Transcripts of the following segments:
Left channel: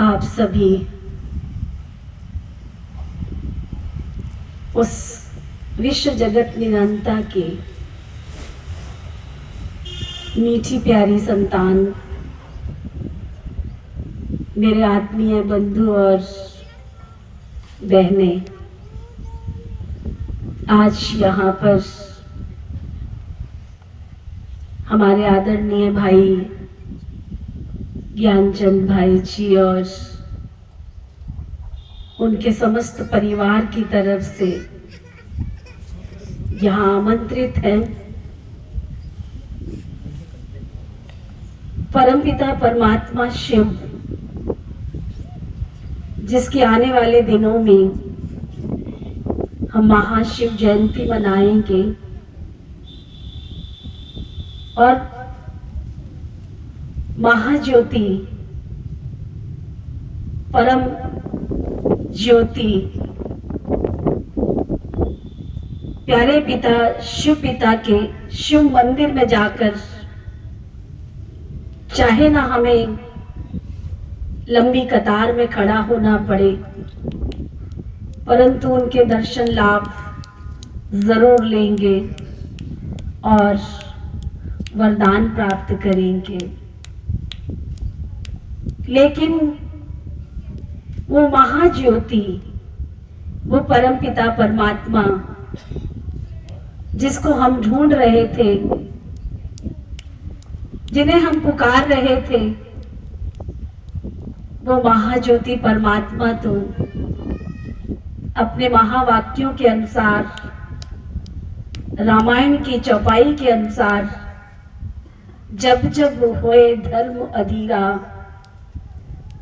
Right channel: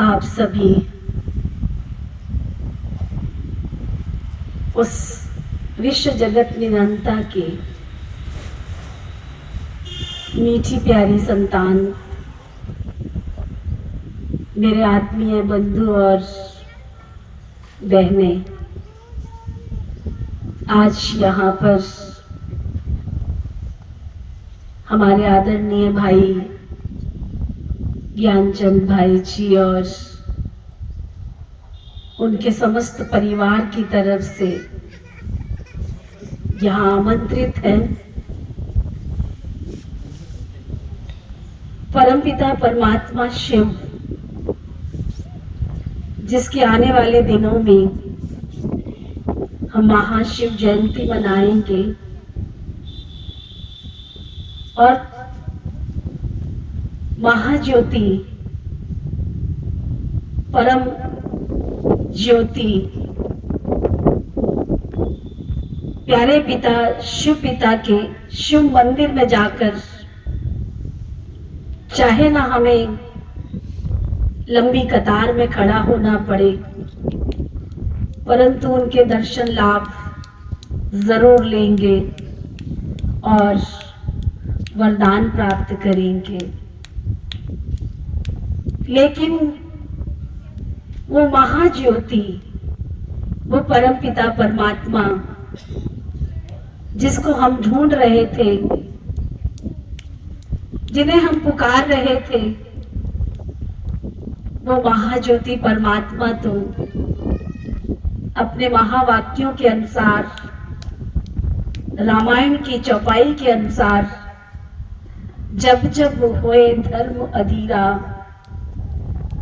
आप सभी उस विश्व जगत निरंता की मीठी प्यारी संतान, मेरे आत्मीय बंधु और बहनें, आज यहाँ पर हमारे आदरणीय भाई ज्ञानचंद भाई जी और उनके समस्त परिवार की तरफ से यहाँ आमंत्रित हैं। परमपिता परमात्मा शिव, जिसके आने वाले दिनों में हम महाशिव जयंती मनाएंगे और महाज्योति परम ज्योति प्यारे पिता शिव पिता के शिव मंदिर में जाकर, चाहे ना हमें लंबी कतार में खड़ा होना पड़े, परंतु उनके दर्शन लाभ जरूर लेंगे और वरदान प्राप्त करेंगे। लेकिन वो महाज्योति, वो परमपिता परमात्मा जिसको हम ढूंढ रहे थे, जिन्हें हम पुकार रहे थे, वो महाज्योति परमात्मा तो अपने महावाक्यों के अनुसार, रामायण की चौपाई के अनुसार, जब जब होए धर्म अधीरा,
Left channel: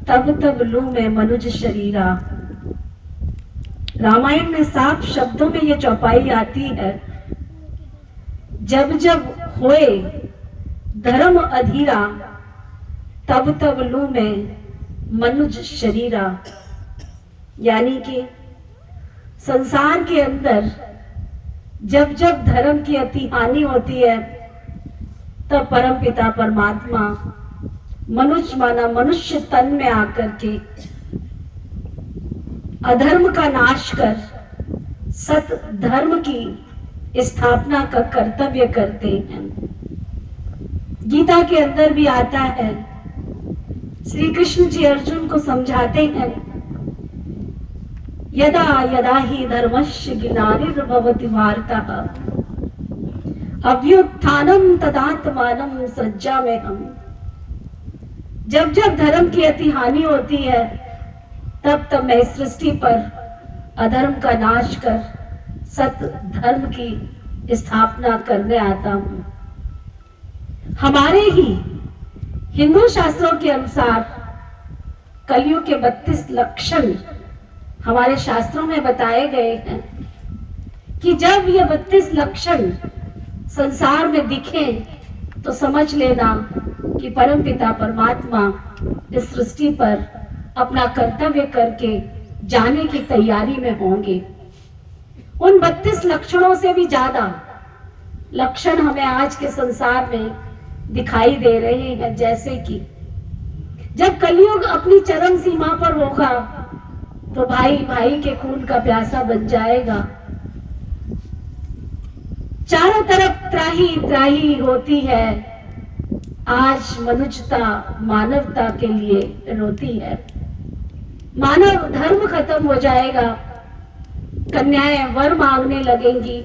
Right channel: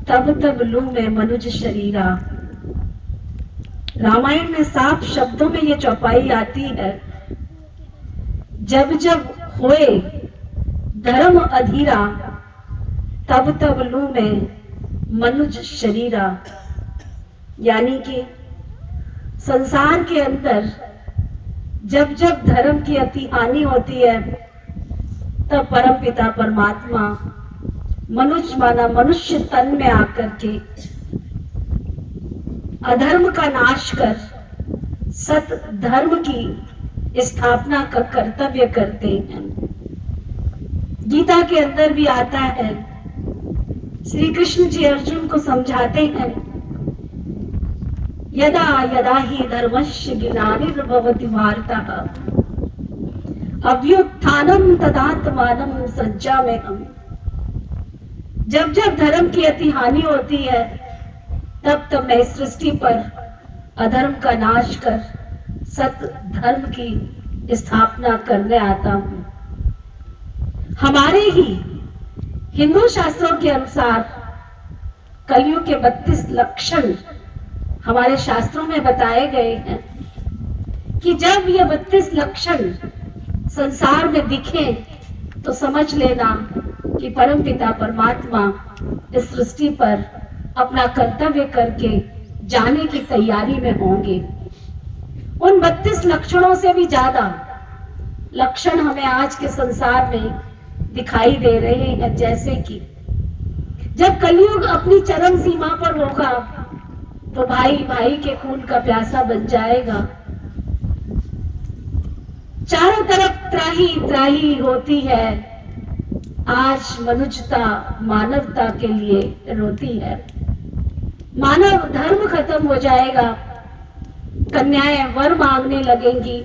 तब तब लूं मैं मनुज शरीरा। रामायण में साफ शब्दों में ये चौपाई आती है, जब जब होए धर्म अधीरा, तब तब लूं मैं मनुज शरीरा। यानी कि संसार के अंदर जब जब धर्म की अति हानि होती है, तब परमपिता परमात्मा मनुष्य माना मनुष्य तन में आकर के अधर्म का नाश कर सत धर्म की स्थापना का कर्तव्य करते हैं। गीता के अंदर भी आता है, श्री कृष्ण जी अर्जुन को समझाते हैं, यदा यदा ही धर्मस्य ग्लानिर्भवति भारतः अभ्युत्थानं तदात्मानं सृजाम्यहम्। जब जब धर्म की अति हानि होती है, तब तब मैं सृष्टि पर अधर्म का नाश कर सत धर्म की स्थापना करने आता हूं। हमारे ही हिंदू शास्त्रों के अनुसार कलयुग के 32 लक्षण हमारे शास्त्रों में बताए गए हैं कि जब ये 32 लक्षण संसार में दिखे तो समझ लेना कि परमपिता परमात्मा इस सृष्टि पर अपना कर्तव्य करके जाने की तैयारी में होंगे। उन 32 लक्षणों से भी ज्यादा लक्षण हमें आज के संसार में दिखाई दे रहे हैं, जैसे कि जब कलयुग अपनी चरम सीमा पर होगा तो भाई भाई के खून का प्यासा बन जाएगा। चारों तरफ त्राही त्राही होती है, आज मनुष्यता मानवता के लिए रोती है। मानव धर्म खत्म हो जाएगा, कन्याएं वर मांगने लगेंगी,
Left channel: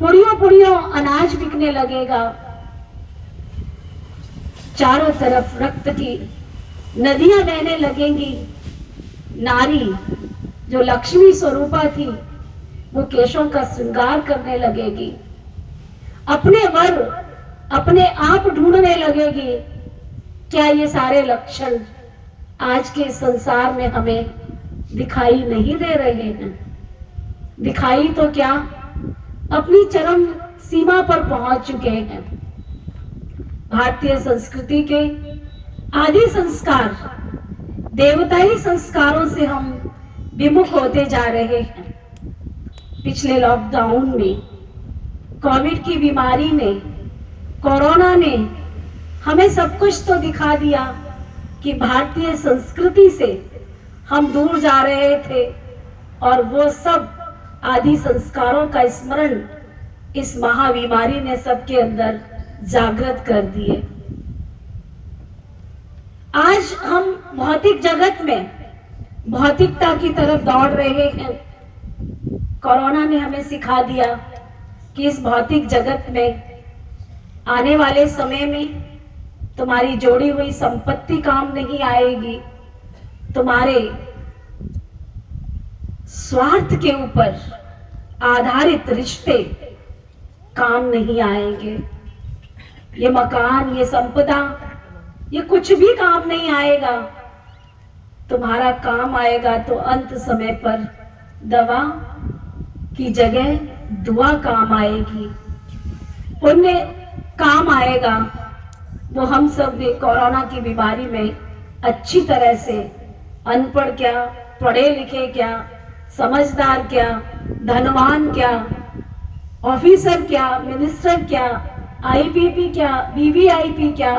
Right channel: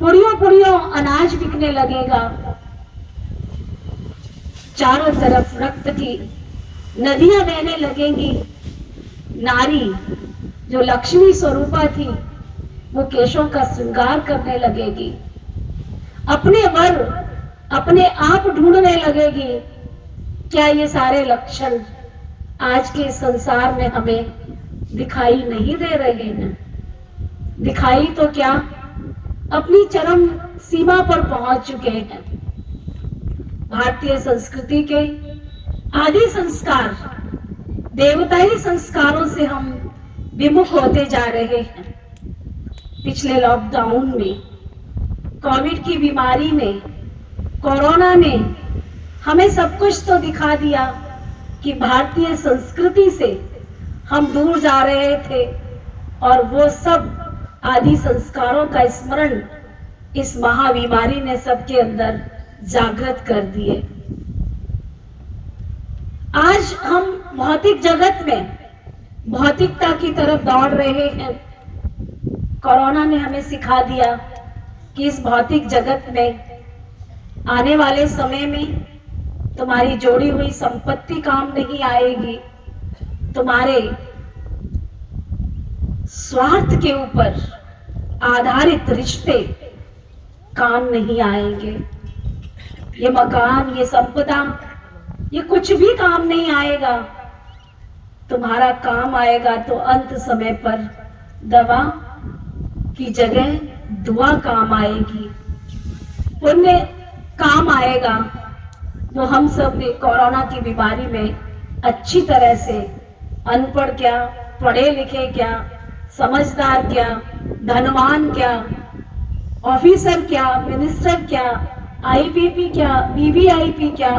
पुड़ियों पुड़ियों अनाज बिकने लगेगा, चारों तरफ रक्त की नदियां बहने लगेंगी। नारी जो लक्ष्मी स्वरूपा थी, वो केशों का श्रृंगार करने लगेगी, अपने वर अपने आप ढूंढने लगेगी। क्या ये सारे लक्षण आज के संसार में हमें दिखाई नहीं दे रहे हैं? दिखाई तो क्या, अपनी चरम सीमा पर पहुंच चुके हैं। भारतीय संस्कृति के आदि संस्कार, देवताई संस्कारों से हम विमुख होते जा रहे हैं। पिछले लॉकडाउन में, कोविड की बीमारी ने, कोरोना ने हमें सब कुछ तो दिखा दिया, कि भारतीय संस्कृति से हम दूर जा रहे थे और वो सब आदि संस्कारों का स्मरण इस महाबीमारी ने सबके अंदर जागृत कर दिए। आज हम भौतिक जगत में भौतिकता की तरफ दौड़ रहे हैं। कोरोना ने हमें सिखा दिया कि इस भौतिक जगत में आने वाले समय में तुम्हारी जोड़ी हुई संपत्ति काम नहीं आएगी, तुम्हारे स्वार्थ के ऊपर आधारित रिश्ते काम नहीं आएंगे। ये मकान, ये संपदा, ये कुछ भी काम नहीं आएगा। तुम्हारा काम आएगा तो अंत समय पर दवा की जगह दुआ काम आएगी, पुण्य काम आएगा। वो हम सब ने कोरोना की बीमारी में अच्छी तरह से अनपढ़ क्या, पढ़े लिखे क्या, समझदार क्या, धनवान क्या, ऑफिसर क्या, मिनिस्टर क्या, आईपीपी क्या, वीवीआईपी क्या,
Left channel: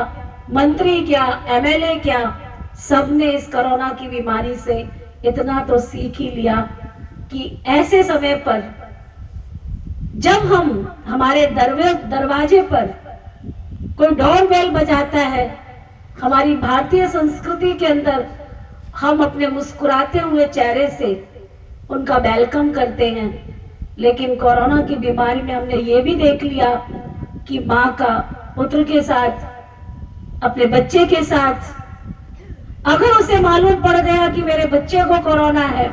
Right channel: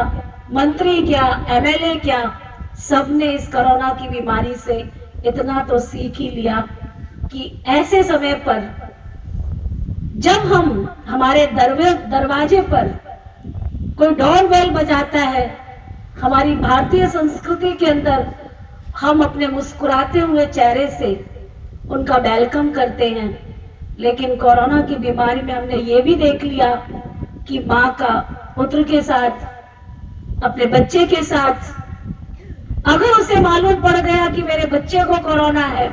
मंत्री क्या, एमएलए क्या, सबने इस कोरोना की बीमारी से इतना तो सीख ही लिया कि ऐसे समय पर जब हमारे दरवाजे पर कोई डोरबेल बजाता है, हमारी भारतीय संस्कृति के अंदर हम अपने मुस्कुराते हुए चेहरे से उनका वेलकम करते हैं। लेकिन कोरोना की बीमारी में हमने ये भी देख लिया कि माँ का पुत्र के साथ, अपने बच्चे के साथ, अगर उसे मालूम पड़ गया कि मेरे बच्चे को कोरोना है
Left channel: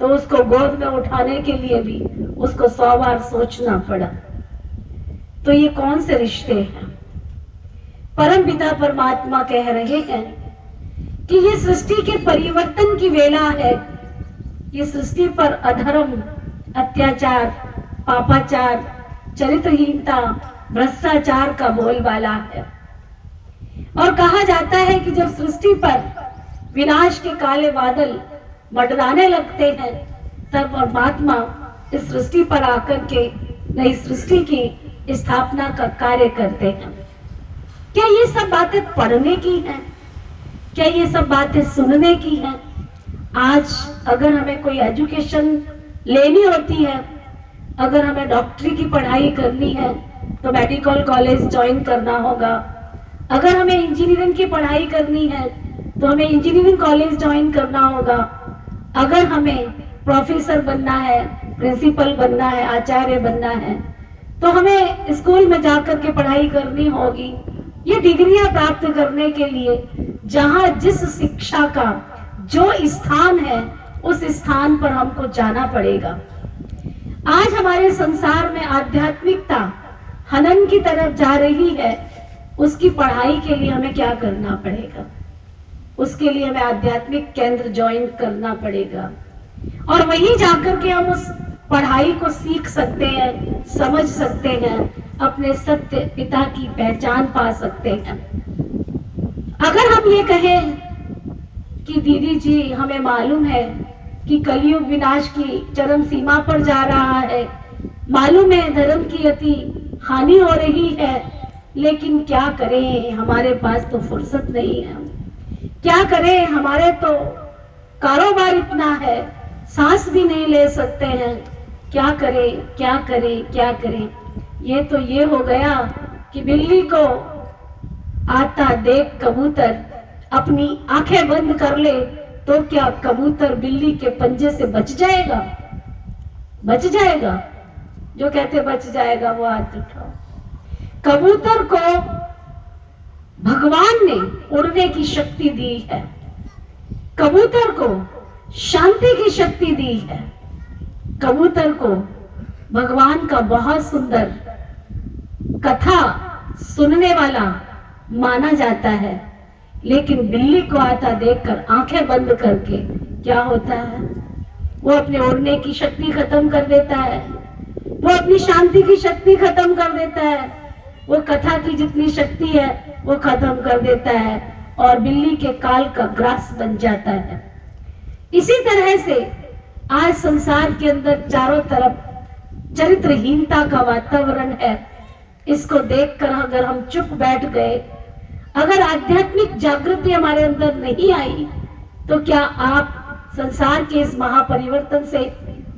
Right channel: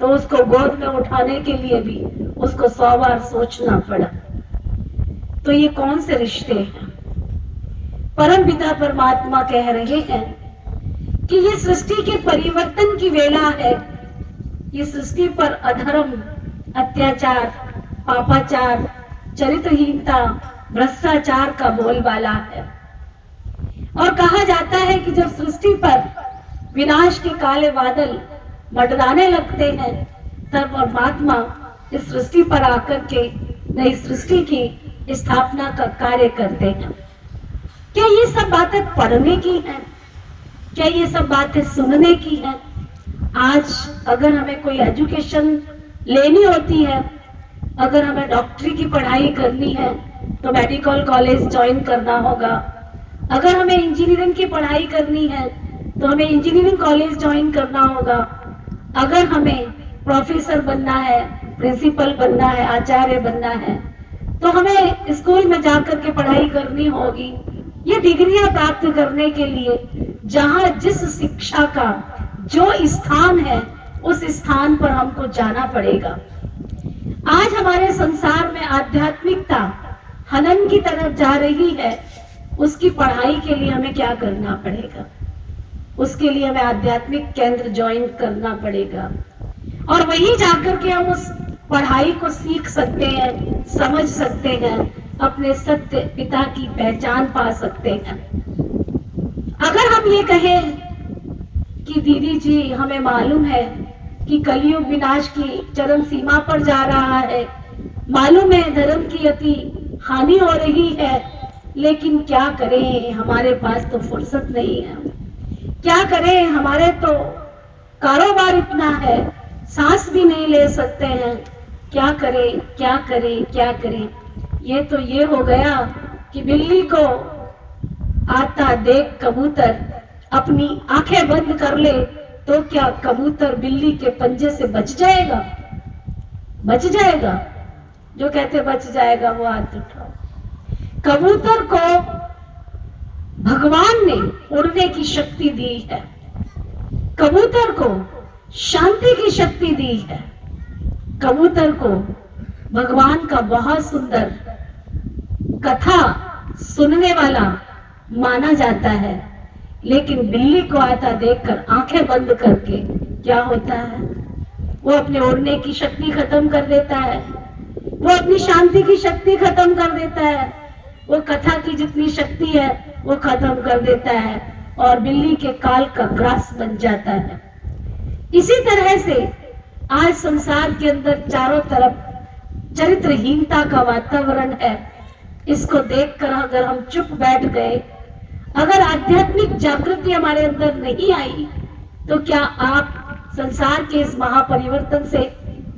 तो उसको गोद में उठाने के लिए भी उसको 100 बार सोचना पड़ा। तो ये कौन से रिश्ते हैं? परम पिता परमात्मा कह रहे हैं कि ये सृष्टि के परिवर्तन की वेला है। ये सृष्टि पर अधर्म, अत्याचार, पापाचार, चरित्रहीनता, भ्रष्टाचार का बोलबाला है। और कहा जाता है कि जब सृष्टि पर विनाश के काले बादल मंडराने लगते हैं तब परमात्मा इस सृष्टि पर आकर के नई सृष्टि की स्थापना का कार्य करते हैं। क्या ये सब बातें पढ़ने की हैं? क्या ये सब बातें सुनने की हैं? आज अगर हमें कोई एजुकेशन लेनी होती है, अगर हमें डॉक्टरी की पढ़ाई करनी है तो मेडिकल कॉलेज ज्वाइन करना होगा। अगर हमें इंजीनियरिंग की पढ़ाई करनी है तो हमें इंजीनियरिंग कॉलेज ज्वाइन करना होगा। अगर हमें प्रोफेसर बनना है, प्रिंसिपल बनना है, आचार्य बनना है तो हमें स्कूल में जाकर के पढ़ाई करनी होगी। ये डिग्रियां प्राप्त करने के लिए जहां जिस शिक्षा का जो स्थान है उस स्थान पर हमको जाना पड़ेगा। आज हमारे संसार में आध्यात्मिकता हनन की तरफ जा रही है। उसकी पढ़ाई के लिए हमें क्या करना पड़ेगा? उसके लिए हमें आध्यात्मिक केंद्र ज्वाइन करना पड़ेगा और वहीं जाकर के हम उस पढ़ाई को सीख सकते हैं, समझ सकते हैं, अपने सत्य पिता की पहचान पा सकते हैं। अगर हम ये कहें कि दीदी जी हमें मालूम है कि कलयुग विनाश की चरम सीमा पर जा रहा है, मालूम है धर्म की अति हानि हो रही है, लेकिन क्या करें, हमारे पास तो फुर्सत नहीं है। क्या करें, हमारे तो कारोबार इतना है, सांस भी नहीं ले सकते हैं। क्या करें, क्या करें, क्या करें? ये तो ये हो गया कि बिल्ली को आता देख कबूतर अपनी आंखें बंद कर ले तो क्या कबूतर बिल्ली के पंजे से बच जाएगा? बच जाएगा? जो कहते बच जाएगा वो हाथ उठाओ। कबूतर को भगवान ने उड़ने की शक्ति दी है, कबूतर को शांति की शक्ति दी है, कबूतर को भगवान का बहुत सुंदर कथा सुनने वाला माना जाता है। लेकिन बिल्ली को आता देखकर आंखें बंद करके क्या होता है? वो अपने उड़ने की शक्ति खत्म कर देता है, वो अपनी शांति की शक्ति खत्म कर देता है, वो कथा की जितनी शक्ति है वो खत्म कर देता है और बिल्ली के काल का ग्रास बन जाता है। इसी तरह से आज संसार के अंदर चारों तरफ चरित्रहीनता का वातावरण है। इसको देखकर अगर हम चुप बैठ गए, अगर आध्यात्मिक जागृति हमारे अंदर नहीं आई तो क्या आप संसार के इस महापरिवर्तन से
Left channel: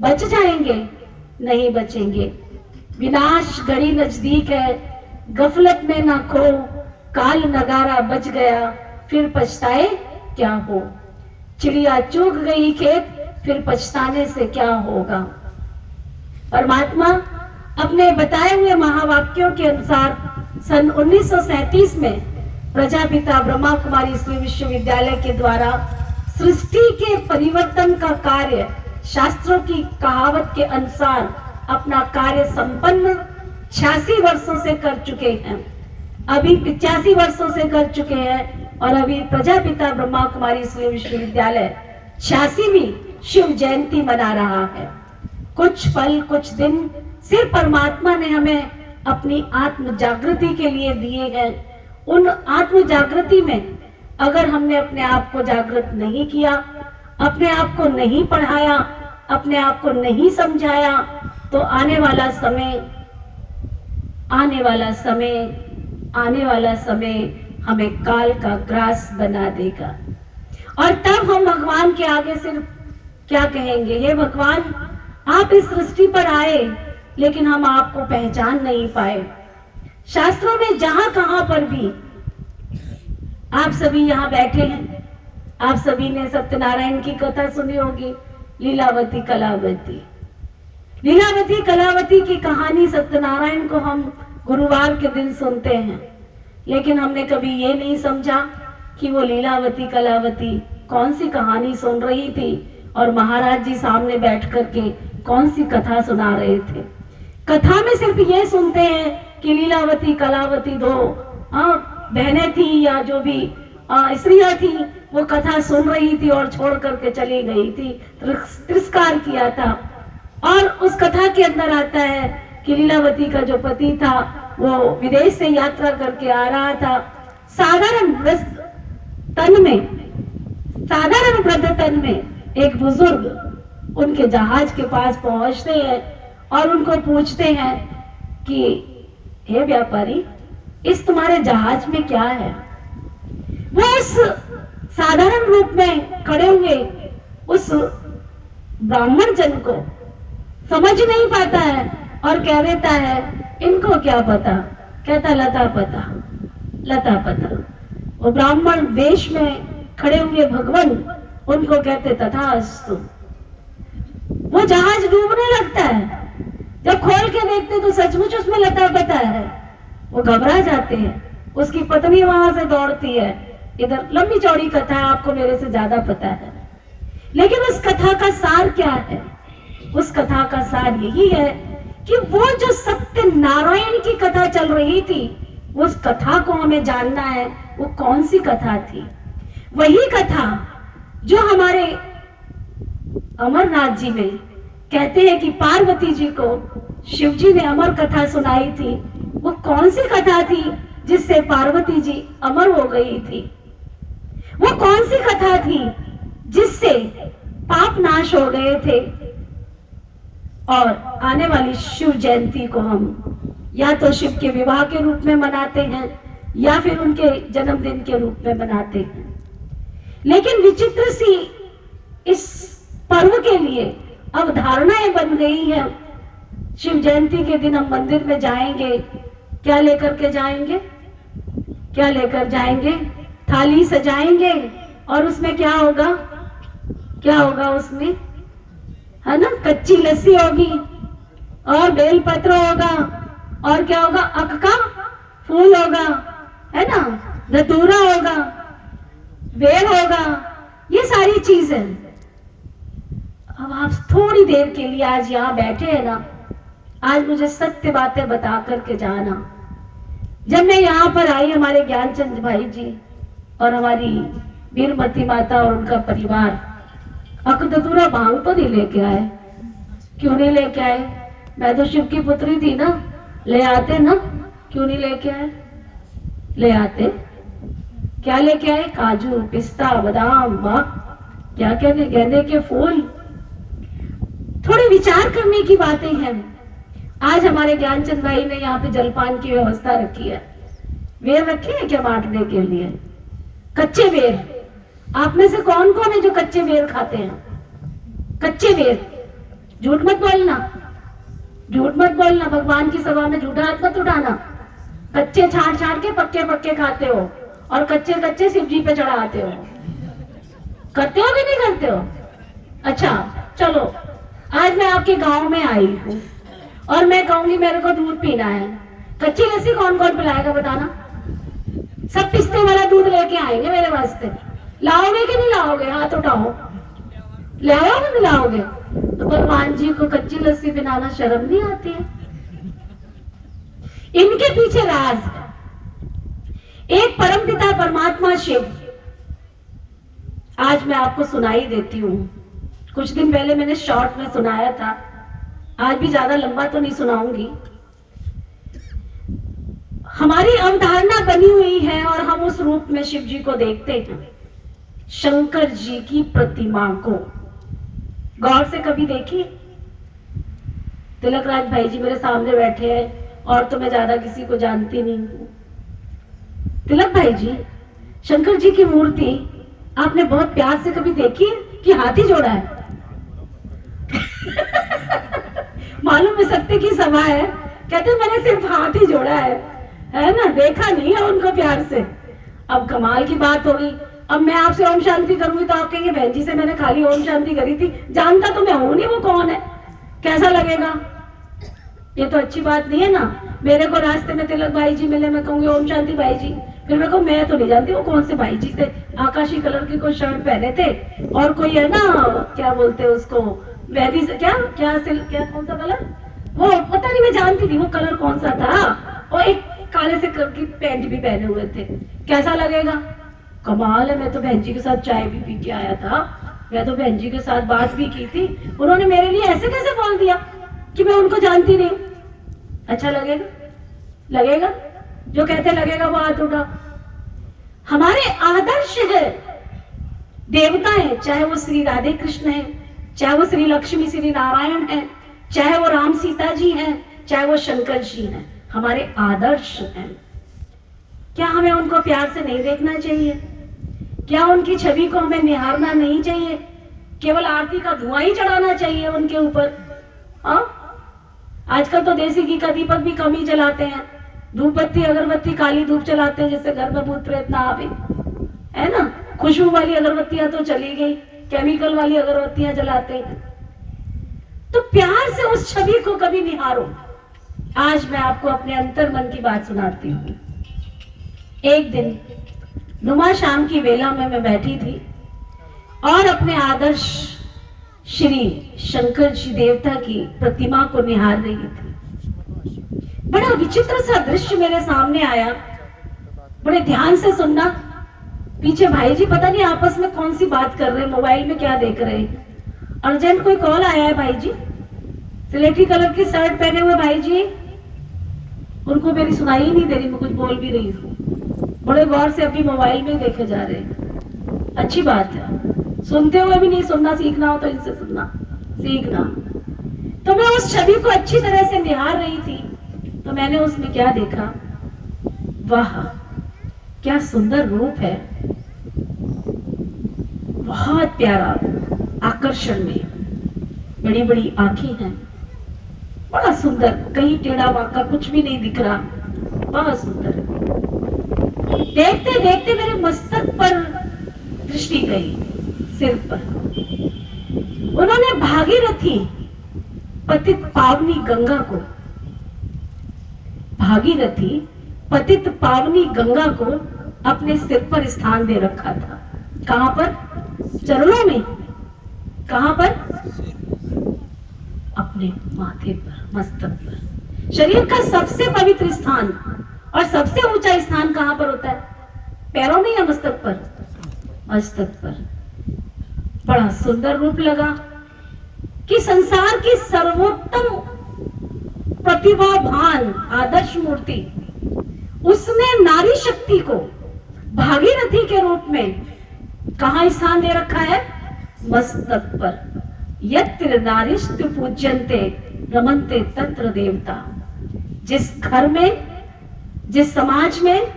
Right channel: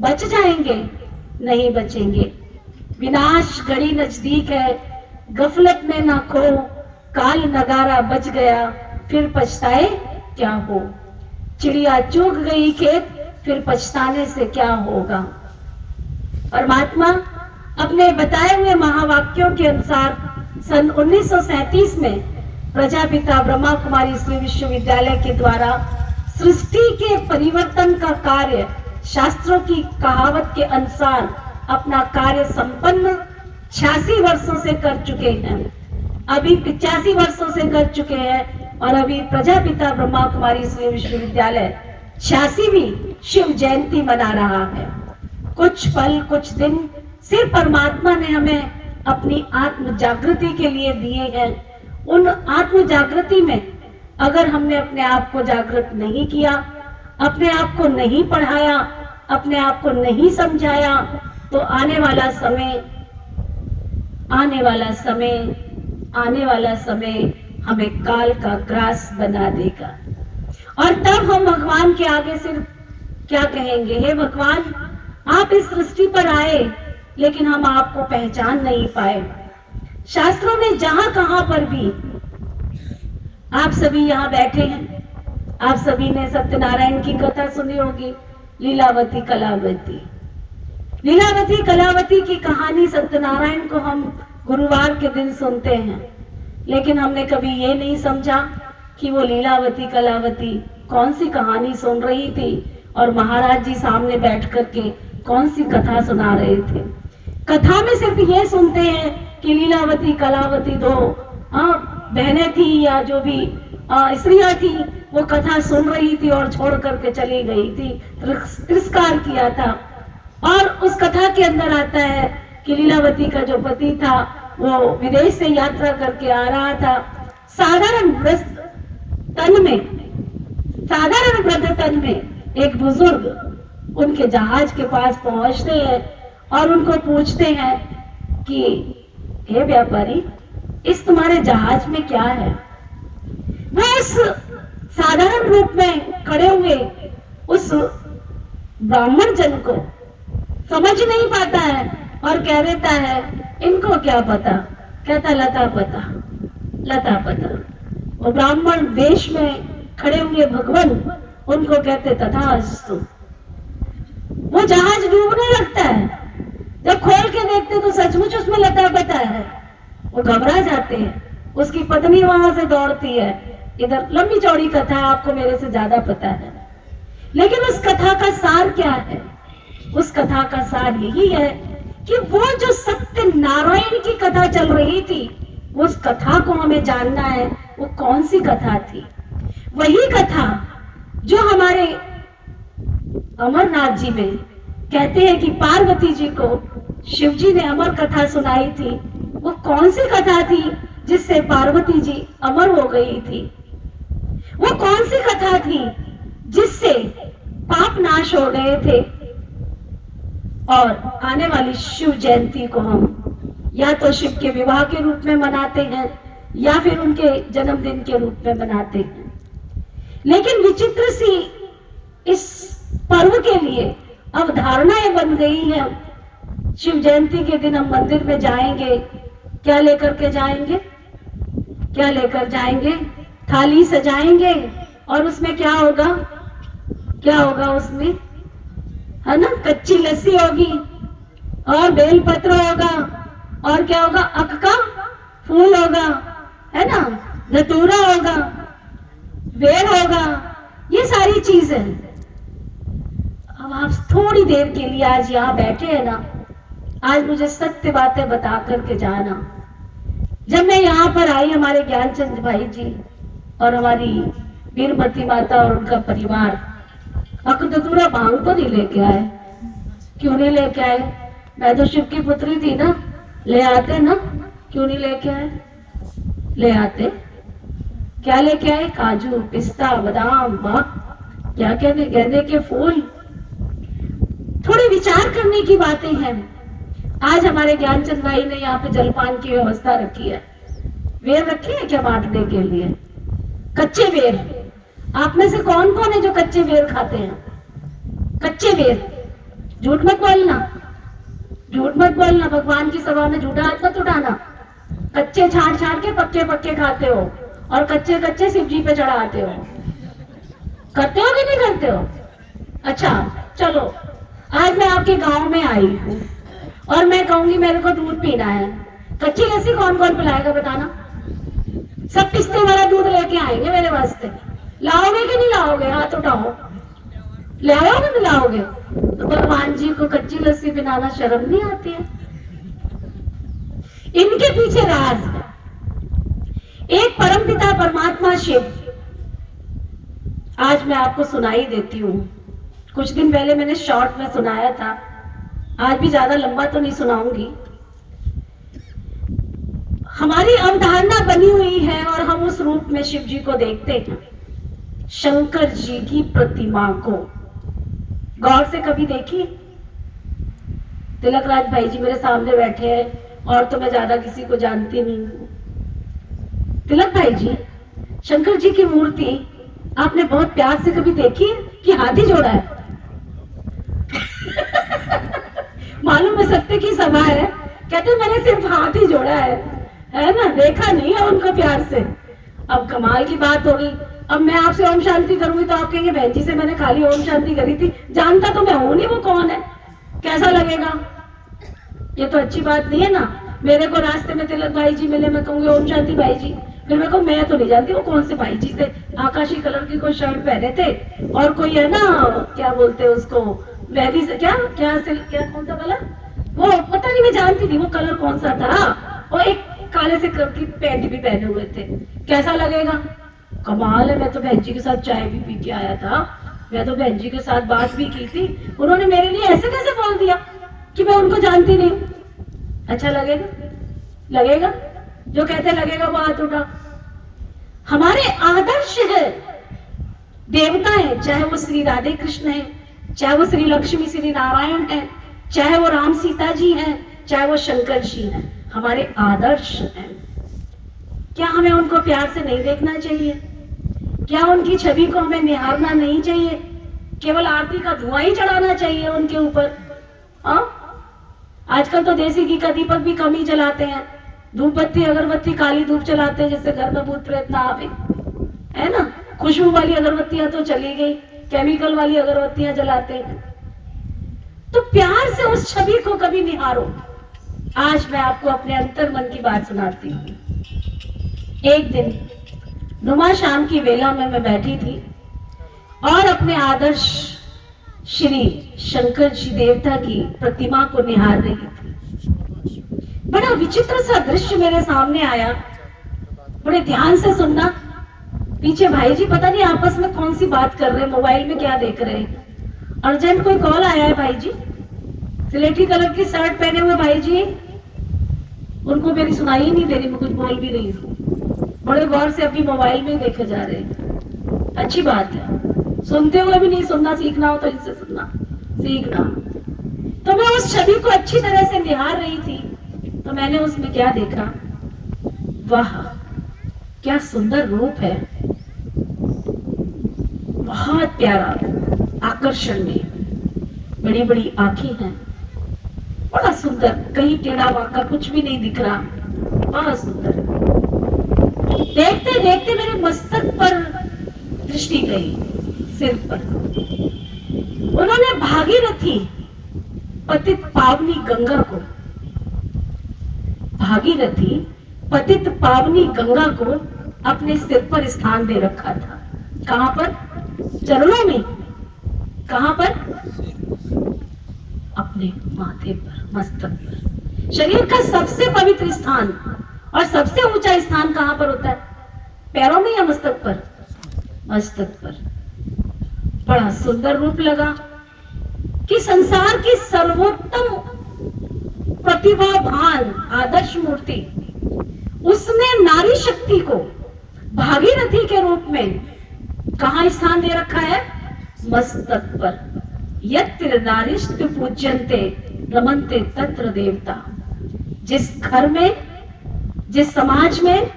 बच जाएंगे? नहीं बचेंगे। विनाश घड़ी नजदीक है, गफलत में ना खो, काल नगारा बज गया, फिर पछताए क्या हो। चिड़िया चूक गई खेत, फिर पछताने से क्या होगा। परमात्मा अपने बताए हुए महावाक्यों के अनुसार सन 1937 में प्रजापिता ब्रह्मा कुमारी श्री विश्वविद्यालय के द्वारा सृष्टि के परिवर्तन का कार्य शास्त्रों की कहावत के अनुसार अपना कार्य संपन्न 86 वर्षों से कर चुके हैं। अभी 85 वर्षों से कर चुके हैं और अभी प्रजापिता ब्रह्मा कुमारी श्री विश्वविद्यालय 86वीं शिव जयंती मना रहा है। कुछ पल कुछ दिन सिर्फ परमात्मा ने हमें अपनी आत्म जागृति के लिए दिए हैं। उन आत्म जागृति में अगर हमने अपने आप को जागृत नहीं किया, अपने आप को नहीं पढ़ाया, अपने आप को नहीं समझाया, तो आने वाला समय हमें काल का ग्रास बना देगा। और तब हम भगवान के आगे सिर्फ क्या कहेंगे, हे भगवान आप इस सृष्टि पर आए लेकिन हम आपको पहचान नहीं पाए। शास्त्रों में जहां कहां पर भी आप सभी यहाँ बैठे हैं, आप सभी ने सत्यनारायण की कथा सुनी होगी, लीलावती कलावती की कहानी सत्यनारायण को हम गुरुवार के दिन सुनते हैं, लेकिन हमने कभी ये नहीं समझा कि वो लीलावती कलावती कौन सी कहानी सुन रही थी और महाराज जी सामने बैठ करके कौन सी कथा सुना रहे थे। कथा में सिर्फ ये सुनते हैं कि लीलावती कलावती दो बहनें थी या जो भी स्त्रियां थी, वो कथा सुन रही थी और छोड़ करके चली गई थी, तिरस्कार किया था। और उस कथा के अंदर आता है कि लीलावती का जो पति था वो विदेश से यात्रा करके आ रहा था। साधारण वृद्ध तन में एक बुजुर्ग उनके जहाज के पास पहुंचते हैं और उनको पूछते हैं कि हे व्यापारी, इस तुम्हारे जहाज में क्या है। वो उस साधारण रूप में खड़े हुए उस ब्राह्मण जन को समझ नहीं पाता है और कह देता है इनको क्या पता। कहता लता पता। वो ब्राह्मण देश में खड़े हुए भगवान उनको कहते तथास्तु। वो जहाज डूबने लगता है, जब खोल के देखते तो सचमुच उसमें लता पता है। वो घबरा जाते हैं, उसकी पत्नी वहां से दौड़ती है। इधर लंबी चौड़ी कथा है, आपको मेरे से ज्यादा पता है, लेकिन उस कथा का सार क्या है? उस कथा का सार यही है कि वो जो सत्य नारायण की कथा चल रही थी, उस कथा को हमें जानना है। वो कौन सी कथा थी? वही कथा जो हमारे अमरनाथ जी में कहते हैं कि पार्वती जी को शिव जी ने अमर कथा सुनाई थी। वो कौन सी कथा थी जिससे पार्वती जी अमर हो गई थी? वो कौन सी कथा थी जिससे पाप नाश हो गए थे? और आने वाली शिव जयंती को हम या तो शिव के विवाह के रूप में मनाते हैं या फिर उनके जन्मदिन के रूप में मनाते हैं। लेकिन विचित्र सी इस पर्व के लिए अवधारणाएं बन गई हैं। शिव जयंती के दिन हम मंदिर में जाएंगे, क्या लेकर के जाएंगे? क्या लेकर जाएंगे? थाली सजाएंगे और उसमें क्या होगा? क्या होगा उसमें? है ना, कच्ची लस्सी होगी और बेलपत्र होगा और क्या होगा? अक का फूल होगा, है ना, धतूरा होगा, बेल होगा, ये सारी चीजें। अब आप थोड़ी देर के लिए आज यहाँ बैठे हैं ना, आज मुझे सत्य बातें बता करके जाना। जब मैं यहाँ पर आई, हमारे ज्ञानचंद भाई जी और हमारी वीरमती माता और उनका परिवार अकदतूरा भांग तो नहीं लेके आए। क्यों नहीं लेके आए? मैं तो शिव की पुत्री थी ना, ले आते ना। क्यों नहीं लेके आए? ले आते। क्या लेके आए? काजू, पिस्ता, बादाम, क्या कहने, गेंदे के फूल। थोड़े विचार करने की बातें हैं। आज हमारे ज्ञानचंद भाई ने यहाँ पे जलपान की व्यवस्था रखी है। बेर रखे हैं क्या बांटने के लिए? कच्चे बेर। आप में से कौन कौन है जो कच्चे बेर खाते हैं? कच्चे बेर। झूठ मत बोलना, झूठ मत बोलना, भगवान की सभा में झूठा हाथ मत उठाना। कच्चे छाड़ छाड़ के पक्के पक्के खाते हो और कच्चे कच्चे शिव जी पे चढ़ाते हो। करते हो कि नहीं करते हो? अच्छा चलो, आज मैं आपके गांव में आई हूँ और मैं कहूंगी मेरे को दूध पीना है। कच्ची लस्सी कौन कौन पिलाएगा बताना? सब पिस्ते वाला दूध लेके आएंगे मेरे वास्ते। लाओगे कि नहीं लाओगे? हाथ उठाओ। ले आओगे नहीं लाओगे? तो भगवान जी को कच्ची लस्सी पिलाना शर्म नहीं आती है? इनके पीछे राज है। एक परमपिता परमात्मा शिव, आज मैं आपको सुनाई देती हूँ। कुछ दिन पहले मैंने शॉर्ट में सुनाया था, आज भी ज्यादा लंबा तो नहीं सुनाऊंगी। हमारी अवधारणा बनी हुई है और हम उस रूप में शिव जी को देखते हैं, शंकर जी की प्रतिमा को। गौर से कभी देखी? तिलक राज भाई जी मेरे सामने बैठे हैं और तो मैं ज्यादा किसी को जानती नहीं हूं। तिलक भाई जी, शंकर जी की मूर्ति आपने बहुत प्यार से कभी देखी है कि हाथी जोड़ा है? मालूम है सत्य की सभा है, कहते मैंने सिर्फ हाथ ही जोड़ा है ना, देखा नहीं है उनको प्यार से। अब कमाल की बात होगी, अब मैं आपसे ओम शांति करूंगी तो आप कहेंगे बहन जी से मैंने खाली ओम शांति करी थी, जानता तो मैं हूं नहीं वो कौन है। कैसा लगेगा? ये तो अच्छी बात नहीं है ना। मेरे को रास्ते में तिलक भाई जी मिले, मैं कहूंगी ओम शांति भाई जी, फिर मैं कहूँ मैं तो नहीं जानती वो कौन से भाई जी थे, आकाशी कलर की कोई शर्ट पहने थे और कोई है ना, क्या बोलते हैं उसको, मेहंदी से क्या क्या क्या कौन सा कलर, वो पता नहीं, मैं जानती थी वो कलर कौन सा था, और एक काले से कलर की पैंट भी पहने हुए थे। कैसा लगेगा? कमाल है। मैं तो बहन जी के साथ चाय भी पी के आया था, मैं तो बहन जी के साथ बात भी की थी, उन्होंने मेरे लिए ऐसे कैसे बोल दिया कि मैं उनको जानती नहीं। अच्छा लगेगा? लगेगा? जो कहते लगेगा वो हाथ उठा। हमारे आदर्श है, देवता है, चाहे वो श्री राधे कृष्ण है, चाहे वो श्री लक्ष्मी श्री नारायण है, चाहे वो राम सीता जी हैं, चाहे वो शंकर जी हैं, हमारे आदर्श हैं। क्या हमें उनको प्यार से नहीं देखना चाहिए? क्या उनकी छवि को हमें निहारना नहीं चाहिए? केवल आरती का धुआं ही चढ़ाना चाहिए उनके ऊपर? आजकल तो देसी घी का दीपक भी कम ही जलाते हैं, धूप बत्ती अगरबत्ती काली धूप चलाते हैं जिससे घर में भूत प्रेत ना आवे, है ना। खुशबू वाली अगरबत्तियां तो चली गई, केमिकल वाली अगरबत्तियां जलाते हैं। तो प्यार से उस छवि को कभी निहारो। आज मैं आपको अपने अंतर मन की बात सुनाती हूँ। एक दिन नुमा शाम की वेला में मैं बैठी थी और अपने आदर्श श्री शंकर जी देवता की प्रतिमा को निहार रही थी। बड़ा विचित्र सा दृश्य मेरे सामने आया। बड़े ध्यान से सुनना। पीछे भाई जी पता नहीं आपस में कौन सी बात कर रहे हैं, मोबाइल में क्या देख रहे हैं। अर्जेंट कोई कॉल आया है भाई जी, सिलेटी कलर की शर्ट पहने हुए भाई जी, उनको मेरी सुनाई ही नहीं दे रही, मैं कुछ बोल भी रही हूँ। बड़े गौर से अभी मोबाइल में ही देखे जा रहे हैं। अच्छी बात है, सुनते हुए भी नहीं सुनना, सीखना हो तो इनसे सुनना सीखना। तो मैं उस छवि को अच्छी तरह से निहार रही थी, तो मैंने उसमें क्या देखा, वाह क्या सुंदर रूप है, बहुत प्यारा, आकर्षण में, बड़ी बड़ी आंखें हैं, बड़ा सुंदर, कहीं टेढ़ा बांका कुछ भी नहीं दिख रहा, बहुत सुंदर। देखते देखते मेरे मस्तक पर दृष्टि गई, सिर पर। उन्होंने भागीरथी पतित पावनी गंगा को, भागीरथी पतित पावनी गंगा को अपने सिर पर स्थान दे रखा था। कहां पर? चरणों में। कहां पर? अपने माथे पर, मस्तक पर। शरीर का सबसे पवित्र स्थान और सबसे ऊंचा स्थान कहां पर होता है? पैरों में या मस्तक पर? मस्तक पर। बड़ा सुंदर रूप लगा कि संसार की सर्वोत्तम प्रतिभावान आदर्श मूर्ति, उसने नारी शक्ति को भागीरथी के रूप में कहां स्थान दे रखा है? मस्तक पर। यत्र नारीस्तु पूज्यन्ते रमन्ते तत्र देवता। जिस घर में, जिस समाज में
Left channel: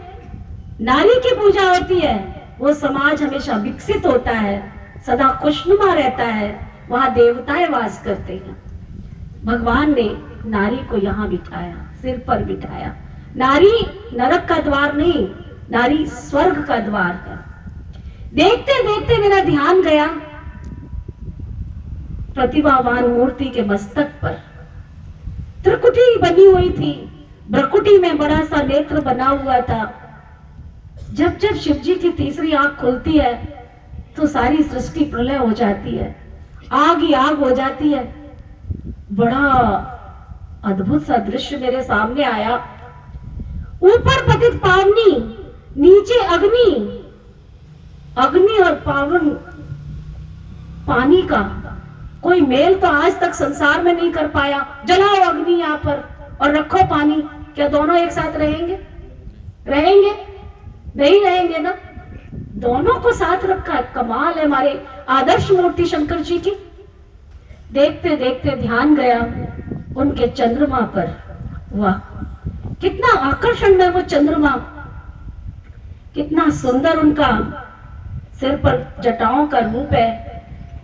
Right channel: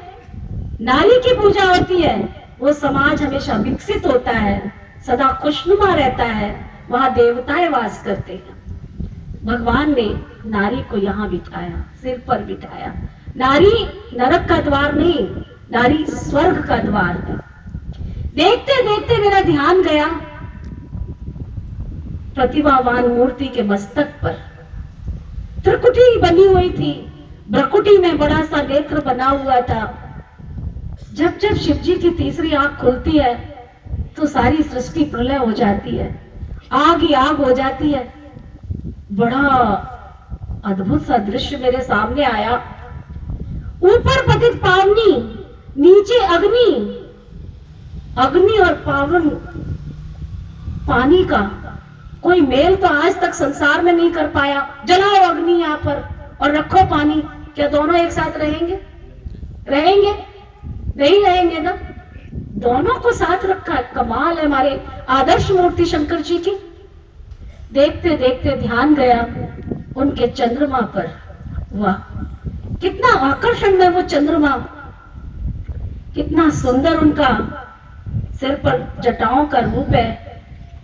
नारी की पूजा होती है, वो समाज हमेशा विकसित होता है, सदा खुशनुमा रहता है, वहां देवताएं वास करते हैं। भगवान ने नारी को यहाँ बिठाया, सिर पर बिठाया। नारी नरक का द्वार नहीं, नारी स्वर्ग का द्वार है। देखते देखते मेरा ध्यान गया प्रतिभावान मूर्ति के मस्तक पर। त्रिकुटी बनी हुई थी, भ्रकुटी में बड़ा सा नेत्र बना हुआ था। जब जब शिव जी की तीसरी आंख खुलती है तो सारी सृष्टि प्रलय हो जाती है, आग ही आग हो जाती है। बड़ा अद्भुत सा दृश्य मेरे सामने आया। ऊपर पतित पावनी, नीचे अग्नि, अग्नि और पावन पानी का कोई मेल तो आज तक संसार में नहीं कर पाया। जलाओ अग्नि यहाँ पर और रखो पानी, क्या दोनों एक साथ रहेंगे? रहेंगे नहीं, रहेंगे ना। दोनों को साथ रखा है। कमाल है हमारे आदर्श मूर्ति शंकर जी की। देखते देखते ध्यान गया उनके चंद्रमा पर। वाह, कितना आकर्षण है वो चंद्रमा, कितना सुंदर उनका सिर पर जटाओं का रूप है,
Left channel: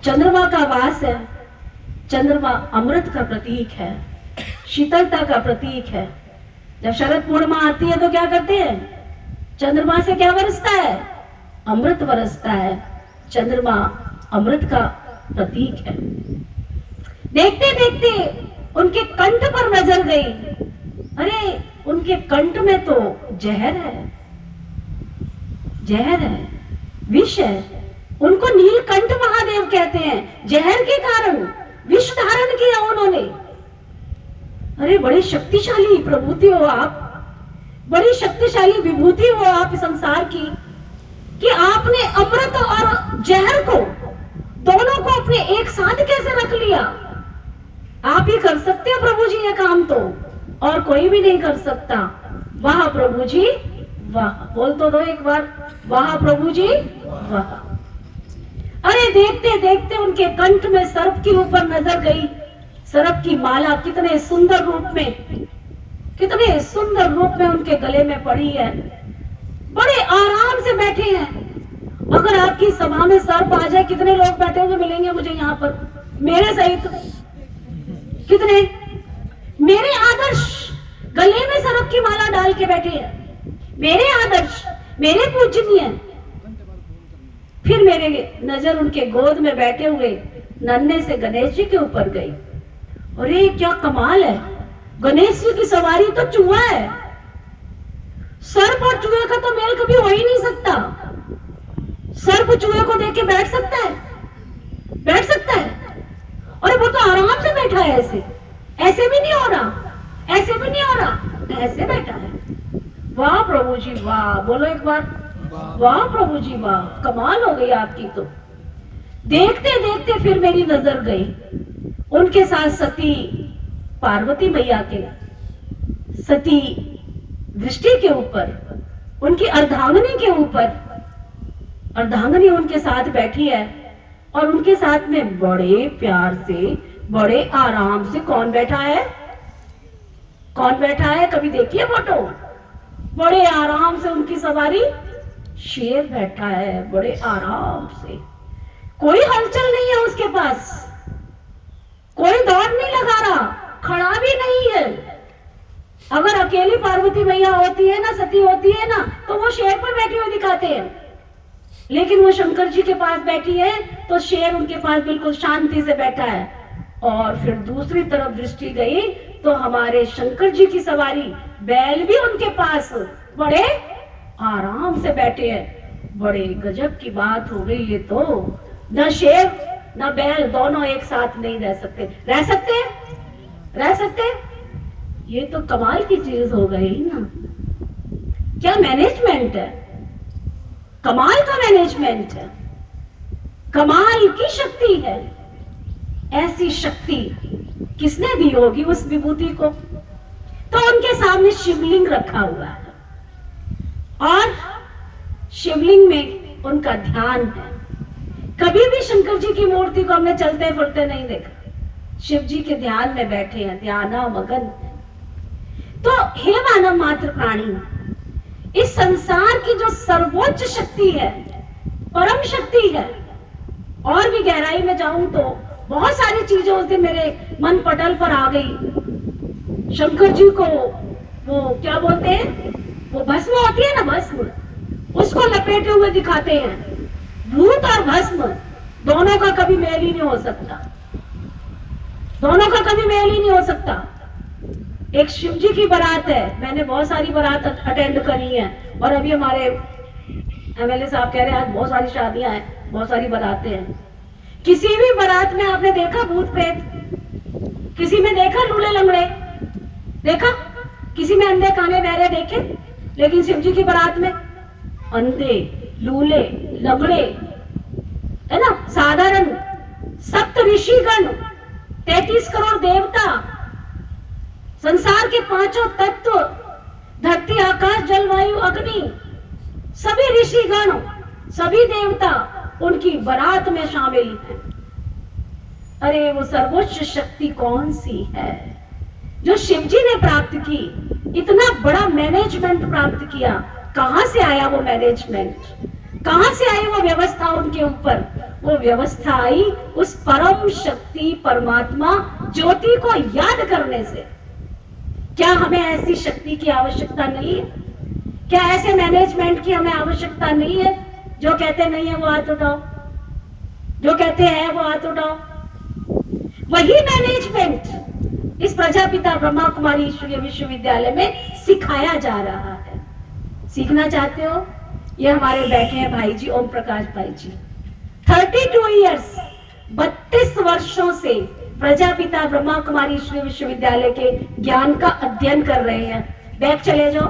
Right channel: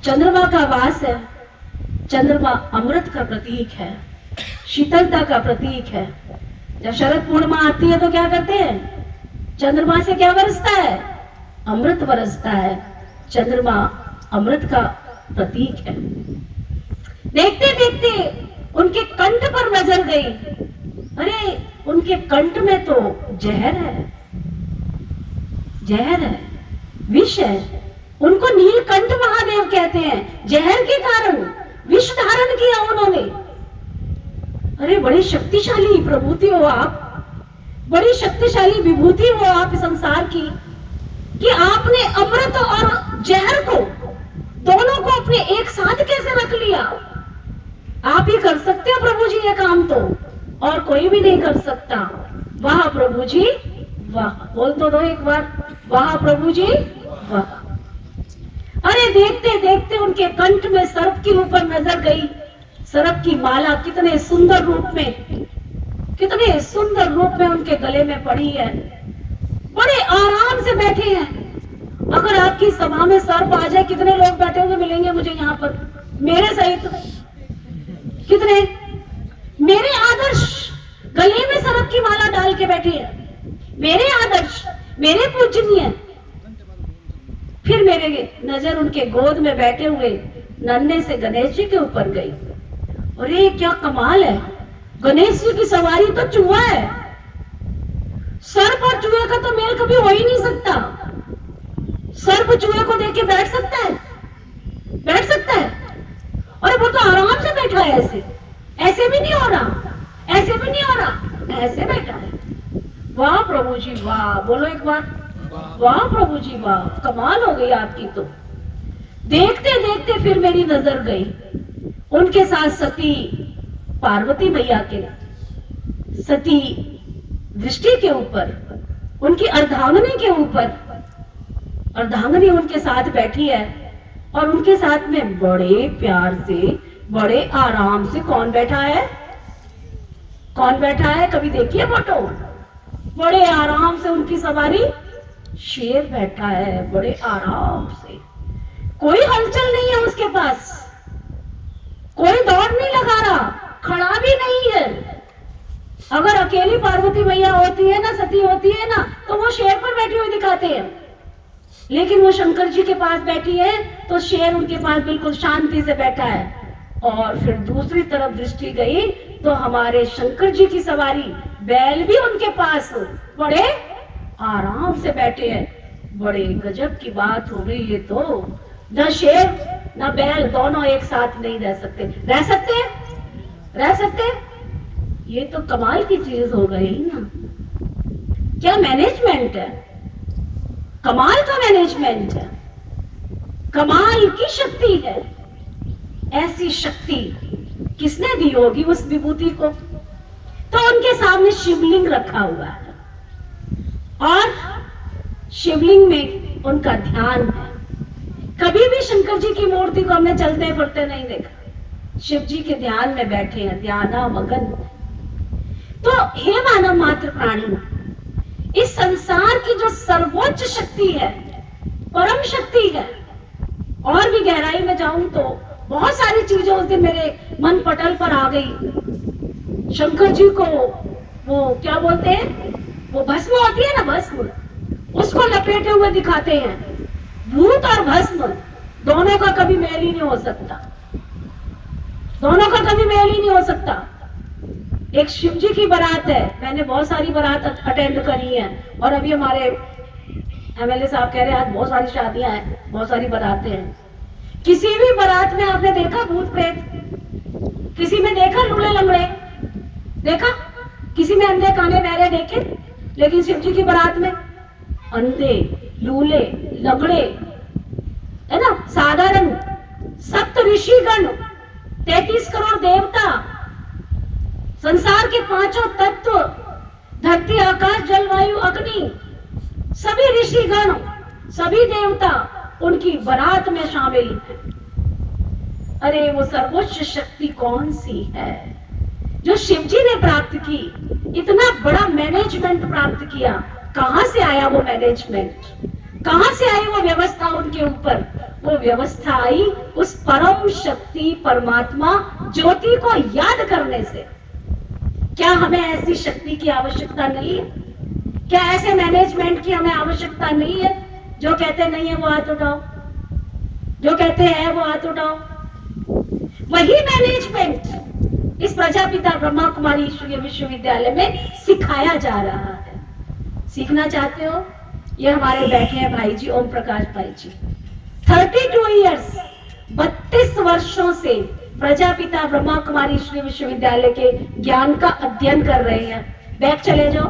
चंद्रमा का वास है। चंद्रमा अमृत का प्रतीक है, शीतलता का प्रतीक है। जब शरद पूर्णिमा आती है तो क्या करते हैं? चंद्रमा से क्या बरसता है? अमृत बरसता है। चंद्रमा अमृत का प्रतीक है। देखते देखते उनके कंठ पर नजर गई। अरे उनके कंठ में तो जहर है, जहर है, विष है। उनको नीलकंठ महादेव कहते हैं। जहर के कारण विष धारण किया उन्होंने। अरे बड़ी शक्तिशाली प्रभुति हो आप, बड़ी शक्तिशाली विभूति हो आप संसार की, कि आपने अमृत और जहर को दोनों को अपने एक साथ कैसे रख लिया? आप ही कर सकते हो प्रभु जी ये काम, तो और कोई भी नहीं कर सकता। वाह प्रभु जी वाह, बोल तो दो एक बार, वाह प्रभु जी वाह। अरे देखते देखते उनके कंठ में सर्प के ऊपर नजर गई। सर्प की माला कितने सुंदर रूप में, कितने सुंदर रूप में उनके गले में पड़ी है। बड़े आराम से बैठे हैं। अगर आपकी सभा में सर्प आ जाए, कितने लोग बैठे हुए मिलेंगे मुझे यहाँ पर, मेरे सहित? कितने? मेरे आदर्श गले में सर्प की माला डाल के बैठे हैं, मेरे आदर्श, मेरे पूजनीय। फिर मेरे नजर उनके गोद में बैठे हुए नन्हे से गणेश जी के ऊपर गई। अरे क्या कमाल है, गणेश जी की सवारी तो चूहा है। सर्प और चूहे का तो मेल कभी हो ही नहीं सकता। सर्प चूहे को देख के बैठ सकता है? बैठ सकता है? और वो तो आराम से बैठा है, ऐसे ऐसे भी नहीं हो रहा, ऐसे भी नहीं हो रहा, ऐसे बैठा है। वाह प्रभु जी वाह, बोलो एक बार, वाह प्रभु जी वाह, कमाल हो गई आपकी तो। देखते देखते फिर मेरी नजर गई उनके साथ सती पार्वती मैया के सती दृष्टि के ऊपर, उनकी अर्धांगिनी के ऊपर। अर्धांगिनी उनके साथ बैठी है और उनके साथ में बड़े प्यार से, बड़े आराम से कौन बैठा है? कौन बैठा है? कभी देखिए फोटो। बड़े आराम से उनकी सवारी शेर बैठा है, बड़े आराम से। कोई हलचल नहीं है उसके पास, कोई दौड़ नहीं लगा रहा, खड़ा भी नहीं है। अगर अकेली पार्वती मैया होती है ना, सती होती है ना, तो वो शेर पर बैठे हुए दिखाते हैं। लेकिन वो शंकर जी के पास बैठी है तो शेर उनके पास बिल्कुल शांति से बैठा है। और फिर दूसरी तरफ दृष्टि गई तो हमारे शंकर जी की सवारी बैल भी उनके पास बड़े आराम से बैठे हैं। बड़े गजब की बात हो गई ये तो। न शेर न बैल दोनों एक साथ नहीं रह सकते। रह सकते? रह सकते? ये तो कमाल की चीज हो गई ना। क्या मैनेजमेंट है, कमाल का मैनेजमेंट है, कमाल की शक्ति है। ऐसी शक्ति किसने दी होगी उस विभूति को? तो उनके सामने शिवलिंग रखा हुआ है और शिवलिंग में उनका ध्यान है। कभी भी शंकर जी की मूर्ति को हमने चलते फिरते नहीं देखा। शिव जी के ध्यान में बैठे हैं, ध्यान मगन। तो हे मानव मात्र प्राणी, इस संसार की जो सर्वोच्च शक्ति है, परम शक्ति है। और भी गहराई में जाऊं तो बहुत सारी चीजें उस दिन मेरे मन पटल पर आ गई। शंकर जी को वो क्या बोलते हैं, वो भस्म होती है ना, भस्म, उसको लपेटे हुए दिखाते हैं। भूत और भस्म दोनों का कभी मेल ही नहीं हो सकता, दोनों का कभी मेल ही नहीं हो सकता। एक शिव जी की बारात है, मैंने बहुत सारी बारात अटेंड करी है, और अभी हमारे एमएलए साहब कह रहे हैं आज बहुत सारी शादियां हैं, बहुत सारी बारातें हैं। किसी भी बारात में आपने देखा भूत प्रेत? किसी में देखा लूले लंगड़े? देखा? किसी में अंधे काने बहरे देखे? लेकिन शिव जी की बारात में अंधे, लूले, लंगड़े, है ना, साधारण सप्त ऋषिगण, 33 करोड़ देवता, संसार के पांचों तत्व, धरती, आकाश, जल, वायु, अग्नि, सभी ऋषिगण, सभी देवता उनकी बारात में शामिल है। अरे वो सर्वोच्च शक्ति कौन सी है जो शिव जी ने प्राप्त की? इतना बड़ा मैनेजमेंट प्राप्त किया। कहां से आया वो मैनेजमेंट? कहां से आई वो व्यवस्था उनके ऊपर? वो व्यवस्था आई उस परम शक्ति परमात्मा ज्योति को याद करने से। क्या हमें ऐसी शक्ति की आवश्यकता नहीं है? क्या ऐसे मैनेजमेंट की हमें आवश्यकता नहीं है? जो कहते नहीं है वो हाथ उठाओ, जो कहते हैं वो हाथ उठाओ। वही मैनेजमेंट इस प्रजापिता ब्रह्मा कुमारी ईश्वरीय विश्वविद्यालय में सिखाया जा रहा है। सीखना चाहते हो? ये हमारे बैठे हैं भाई जी, ओम प्रकाश भाई जी, 32 ईयर्स, 32 वर्षों से प्रजापिता ब्रह्मा कुमारी ईश्वरीय विश्वविद्यालय के ज्ञान का अध्ययन कर रहे हैं। बैक चले जाओ,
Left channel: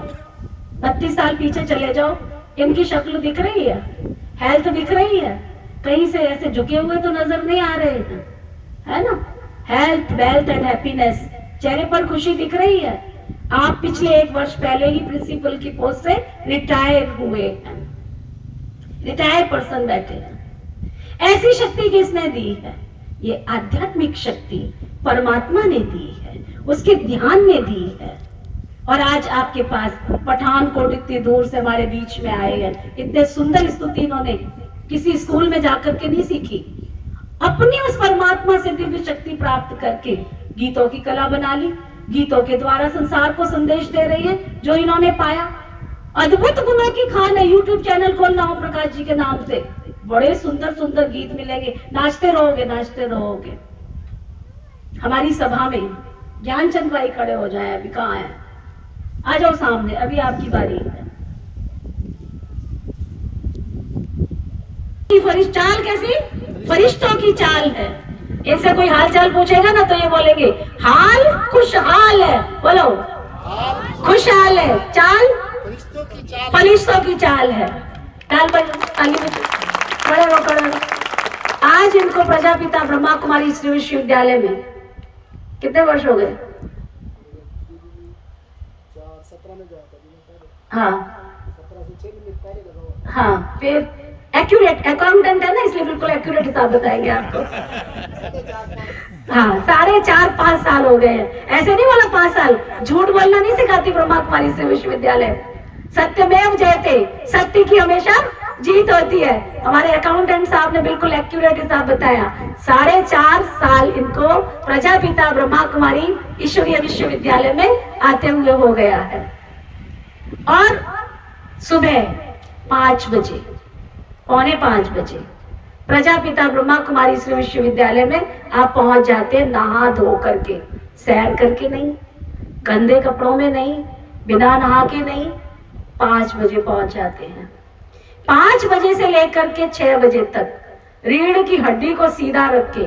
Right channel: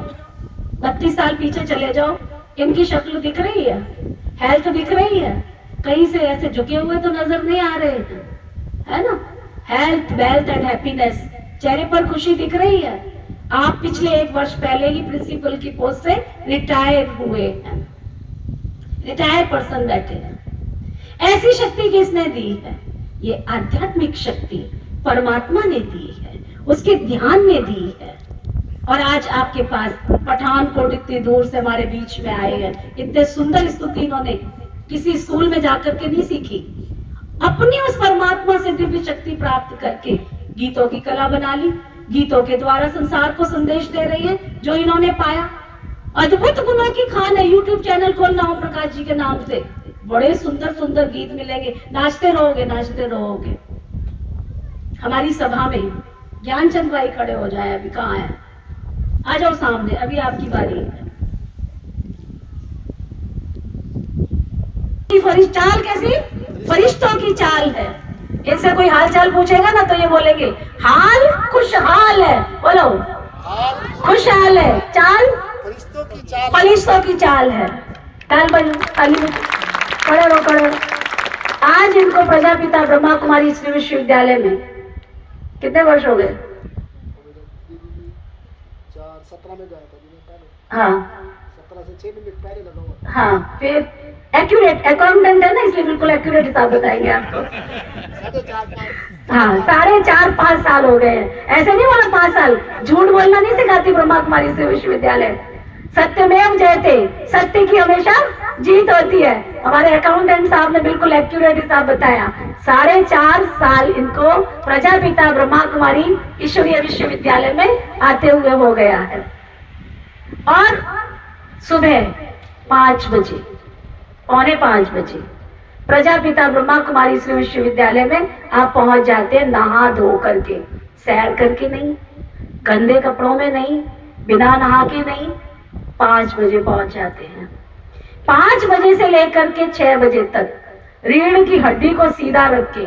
32 साल पीछे चले जाओ, इनकी शक्ल दिख रही है, हेल्थ दिख रही है, कहीं से ऐसे झुके हुए तो नजर नहीं आ रहे हैं, है ना? हेल्थ, वेल्थ एंड हैप्पीनेस, चेहरे पर खुशी दिख रही है। आप पिछले 1 वर्ष पहले ही प्रिंसिपल की पोस्ट से रिटायर हुए हैं, रिटायर्ड पर्सन बैठे हैं। ऐसी शक्ति किसने दी है? ये आध्यात्मिक शक्ति परमात्मा ने दी है, उसके ध्यान ने दी है। और आज आपके पास पठानकोट इतनी दूर से हमारे बीच में आए हैं। इतने सुंदर स्तुति इन्होंने किसी स्कूल में जाकर के नहीं सीखी, अपनी उस परमात्मा से दिव्य शक्ति प्राप्त करके गीतों की कला बना ली। गीतों के द्वारा संसार को संदेश दे रही है जो इन्होंने पाया। अद्भुत गुणों की खान है। यूट्यूब चैनल खोलना ओम प्रकाश जी के नाम से, बड़े सुंदर सुंदर गीत मिलेंगे, नाचते रहोगे, नाचते रहोगे। हमारी सभा में ज्ञानचंद भाई खड़े हो जाए, अभी कहाँ है? आ जाओ सामने, अभी आपकी बारी है। चाल कैसी? फरिश्तों की चाल है। इनसे कोई हाल चाल पूछेगा ना तो ये बोलेंगे हाल खुशहाल है। बोलो खुशहाल है, चाल फरिश्तों की चाल, फरिश्तों की चाल है। काल पढ़े रो पढ़े। आज इनको प्रजापिता ब्रह्मा कुमारी श्री विश्वविद्यालय में कितने वर्ष हो गए? 17 में गया था। हाँ, 17 से 6 मिनट पहले लगा हुआ था। हाँ, फिर एक्यूरेट अकाउंटेंट है ना, इसलिए बिल्कुल एक्यूरेट हिसाब बताएंगे आपको। 4.5 हाँ, 4.5-5 साल हो गए हैं। ऐसे नहीं बोला 5 साल, झूठ बोलना नहीं सिखाती ब्रह्मा कुमारी श्री विश्वविद्यालय। सत्यमेव जयते, सत्य की हमेशा जीत होती है। हमारे अकाउंटेंट साहब ने बिल्कुल एक्यूरेट हिसाब बताया। 4.5 साल इनको प्रजापिता ब्रह्मा कुमारी ईश्वरीय विश्वविद्यालय में आते हुए हो गया है। और सुबह 5 बजे, 4:45 बजे प्रजापिता ब्रह्मा कुमारी श्री विश्वविद्यालय में आप पहुंच जाते हैं, नहा धो करके, सैर करके नहीं, गंदे कपड़ों में नहीं, बिना नहा के नहीं, 5 बजे पहुंच जाते हैं। 5 बजे से लेकर के 6 बजे तक रीढ़ की हड्डी को सीधा रख के,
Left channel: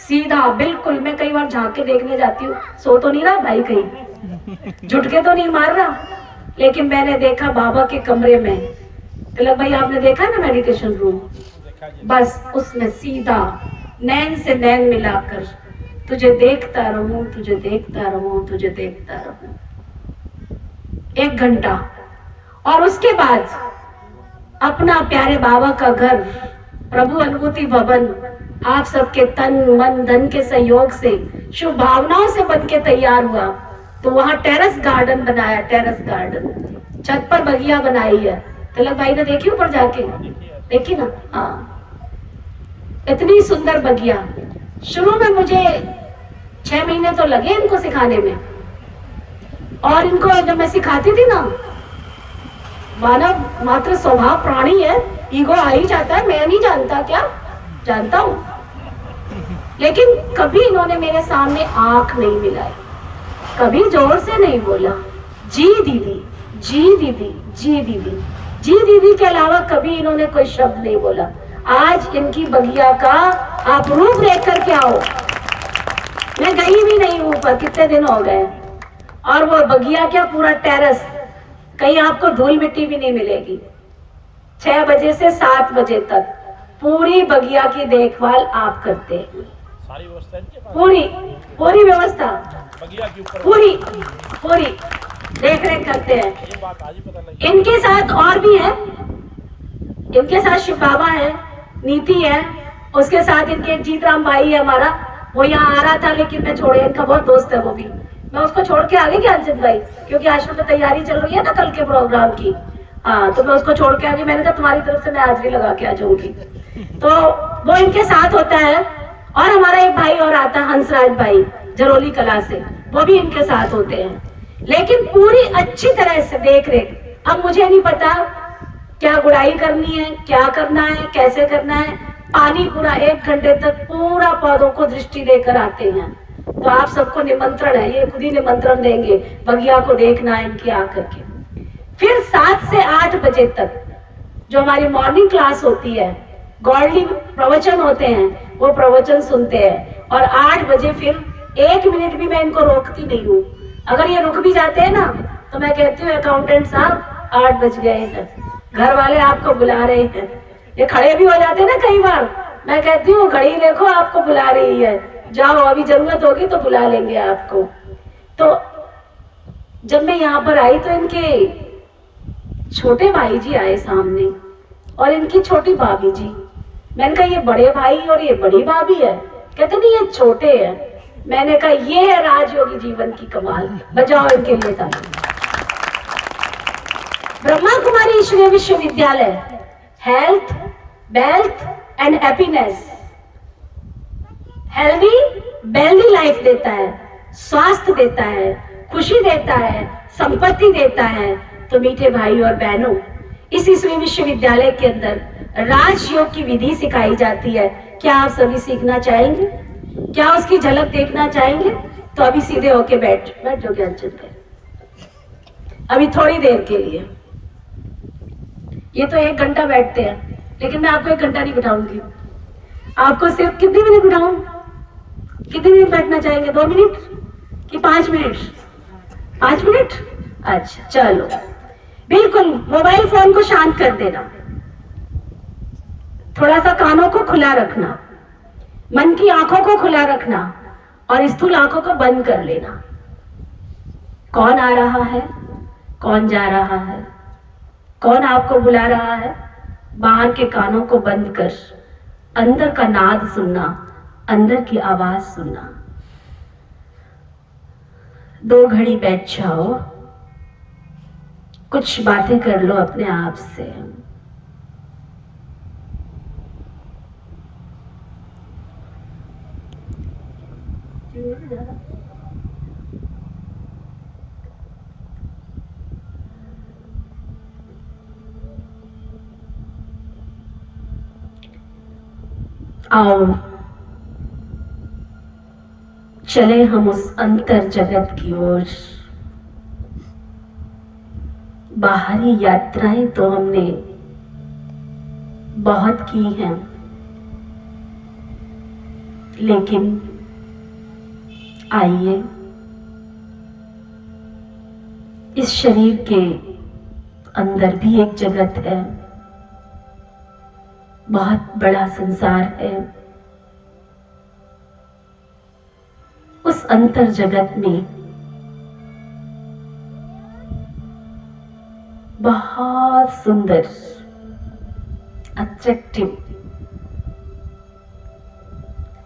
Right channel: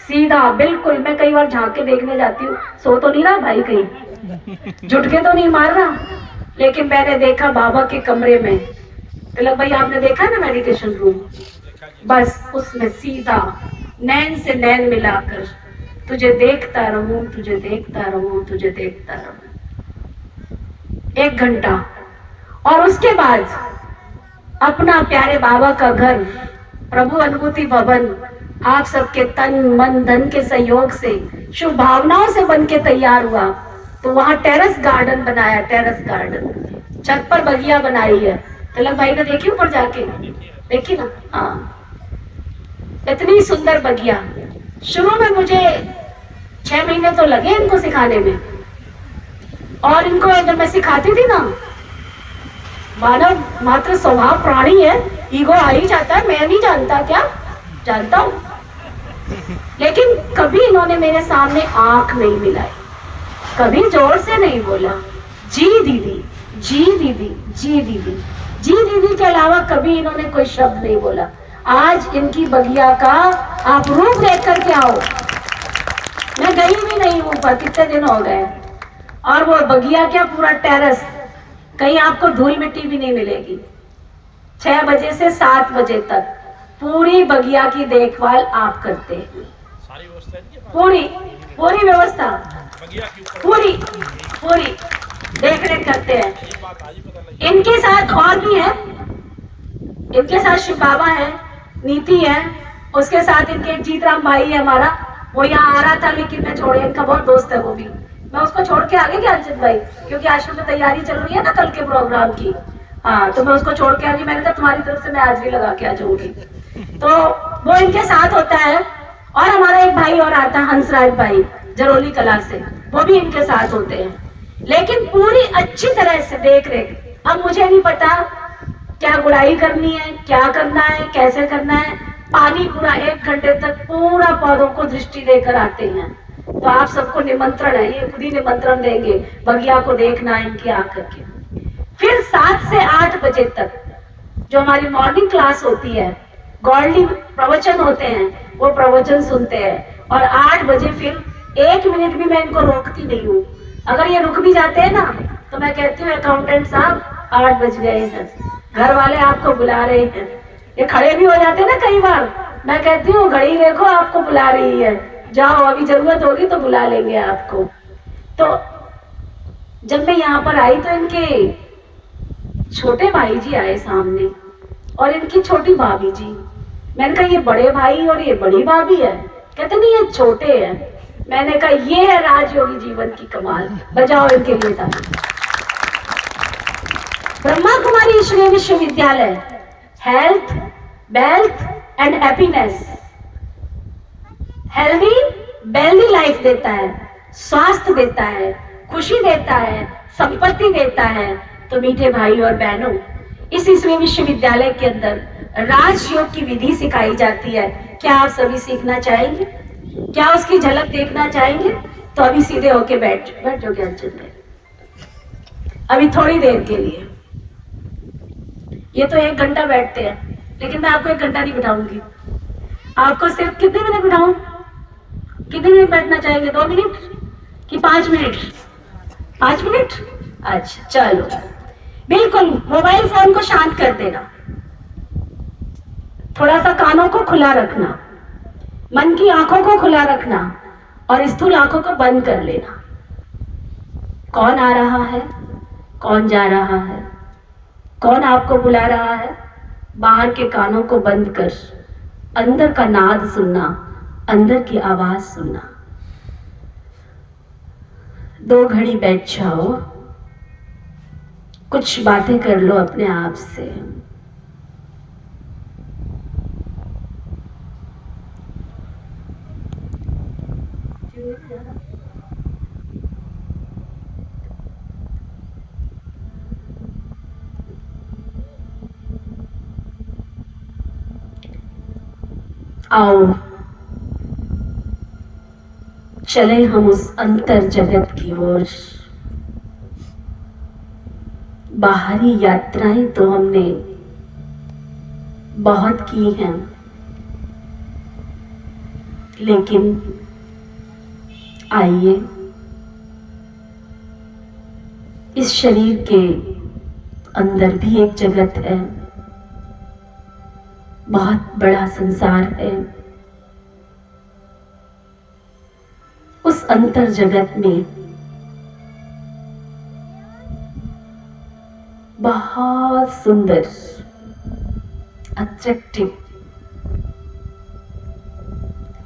सीधा बिल्कुल। मैं कई बार झांक के देखने जाती हूँ, सो तो नहीं रहा भाई, कहीं झुटके तो नहीं मार रहा। लेकिन मैंने देखा बाबा के कमरे में, तिलक भाई आपने देखा ना मेडिटेशन रूम, बस उसमें सीधा नैन से नैन मिलाकर तुझे देखता रहूं, तुझे देखता रहूं, तुझे देखता रहूं, 1 घंटा। और उसके बाद अपना प्यारे बाबा का घर प्रभु अनुभूति भवन आप सबके तन मन धन के सहयोग से, शुभ भावनाओं से बन के तैयार हुआ। तो वहां टेरेस गार्डन बनाया, टेरेस गार्डन, छत पर बगिया बनाई है। तिलक भाई ने देखी ऊपर जाके, देखी ना? हाँ, इतनी सुंदर बगिया। शुरू में मुझे 6 महीने तो लगे इनको सिखाने में, और इनको जब मैं सिखाती थी ना, मानव मात्र स्वभाव प्राणी है, ईगो आ ही जाता है, मैं नहीं जानता क्या, जानता हूं। लेकिन कभी इन्होंने मेरे सामने आंख नहीं मिलाई, कभी जोर से नहीं बोला जी दीदी, जी दीदी, जी दीदी, जी दीदी के अलावा कभी इन्होंने कोई शब्द नहीं बोला। आज इनकी बगिया का आप रूप देख करके आओ। मैं गई भी नहीं हूं ऊपर, कितने दिन हो गए, और वो बगिया क्या, पूरा टेरेस, कहीं आपको धूल मिट्टी भी नहीं मिलेगी। 6 बजे से 7 बजे तक पूरी बगिया की देखभाल आप करते हैं, पूरी पूरी व्यवस्था, पूरी पूरी देख रेख करते हैं। इनके साथ और भी है, इनके साथ शिव बाबा है, नीति है, उसके साथ इनके जीतराम भाई है हमारा, वो यहाँ आ रहा था लेकिन मैं छोड़े, इनका बहुत दोस्त है वो भी, मैं उसको छोड़ के आ गई क्या अर्जुन भाई, क्योंकि आश्रम में तैयारी चल रही है ना कल के प्रोग्राम की। हाँ, तो मैं उसको छोड़ के आ गई, मैंने कहा तुम्हारी तरफ से मैं हाजिरी लगा के आ जाऊंगी। तो वो इनके साथ होता है, और हमारा एक भाई और आता है, हंसराज भाई, जरोली कला से, वो भी इनके साथ होते हैं। लेकिन पूरी अच्छी तरह से देख रेख। अब मुझे नहीं पता क्या गुड़ाई करनी है, क्या करना है, कैसे करना है, पानी पूरा 1 घंटे तक पूरा पौधों को दृष्टि देकर आते हैं। तो आप सबको निमंत्रण है, ये खुद ही निमंत्रण देंगे, बगिया को देखना है इनकी आकर के। फिर 7 से 8 बजे तक जो हमारी मॉर्निंग क्लास होती है, गॉडली प्रवचन होते हैं, वो प्रवचन सुनते हैं, और 8 बजे फिर 1 मिनट भी मैं इनको रोकती नहीं हूँ। अगर ये रुक भी जाते हैं ना, तो मैं कहती हूँ अकाउंटेंट साहब 8 बज गए हैं, घर वाले आपको बुला रहे हैं। ये खड़े भी हो जाते हैं ना कई बार, मैं कहती हूँ घड़ी देखो आपको बुला रही है, जाओ, अभी जरूरत होगी तो बुला लेंगे आपको। तो जब मैं यहाँ पर आई तो इनके छोटे भाई जी आए सामने, और इनकी छोटी भाभी जी। मैंने कहा ये बड़े भाई और ये बड़ी भाभी है? कहते नहीं ये छोटे हैं। मैंने कहा ये है राजयोगी जीवन की कमाल, बजाओ इनके लिए ताली। ब्रह्मा कुमारी ईश्वरीय विश्वविद्यालय health, wealth and happiness, healthy wealthy life देता है, स्वास्थ्य देता है, खुशी देता है, संपत्ति देता है। तो मीठे भाई और बहनों, इस ईश्वरीय विश्वविद्यालय के अंदर राजयोग की विधि सिखाई जाती है। क्या आप सभी सीखना चाहेंगे? क्या उसकी झलक देखना चाहेंगे? तो अभी सीधे होके बैठ जो ज्ञान चल रहे, अभी थोड़ी देर के लिए। ये तो 1 घंटा बैठते हैं, लेकिन मैं आपको 1 घंटा नहीं बिठाऊंगी। आपको सिर्फ कितनी मिनट बिठाऊं? कितनी मिनट बैठना चाहेंगे? 2 मिनट कि 5 मिनट? 5 मिनट? अच्छा चलो, बिल्कुल मोबाइल फोन को शांत कर देना, थोड़ा सा कानों को खुला रखना, मन की आंखों को खुला रखना, और स्थूल आंखों को बंद कर लेना। कौन आ रहा है, कौन जा रहा है, कौन आपको बुला रहा है, बाहर के कानों को बंद कर अंदर का नाद सुनना, अंदर की आवाज सुनना। 2 घड़ी बैठ जाओ, कुछ बातें कर लो अपने आप से। आओ चले हम उस अंतर जगत की ओर। बाहरी यात्राएं तो हमने बहुत की हैं, लेकिन आइए इस शरीर के अंदर भी एक जगत है, बहुत बड़ा संसार है। उस अंतर जगत में बहुत सुंदर, अट्रैक्टिव,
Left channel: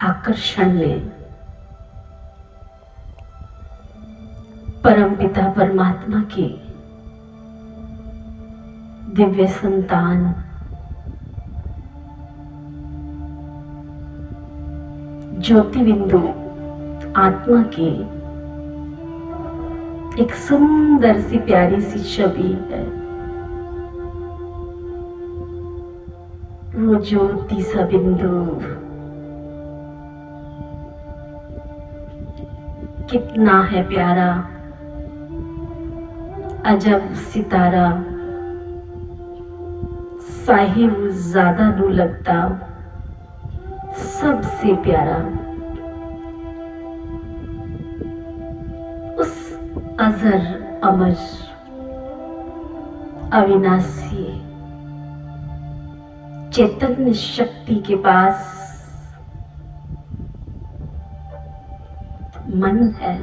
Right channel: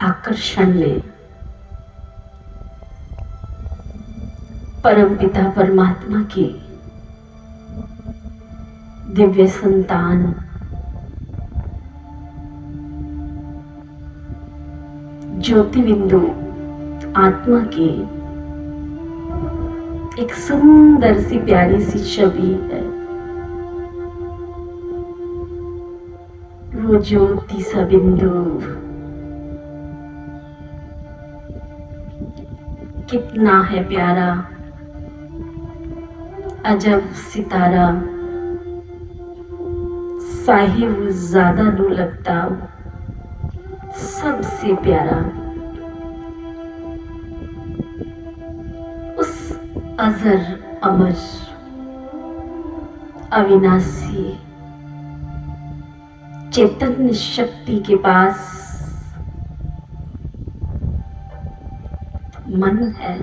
आकर्षण में परम पिता परमात्मा की दिव्य संतान ज्योति बिंदु आत्मा की एक सुंदर सी प्यारी सी छवि है। वो ज्योति सा बिंदु कितना है प्यारा, अजब सितारा, साहिब ज्यादा नो लगता, सबसे प्यारा। उस अजर अमर अविनाशी चैतन्य शक्ति के पास मन है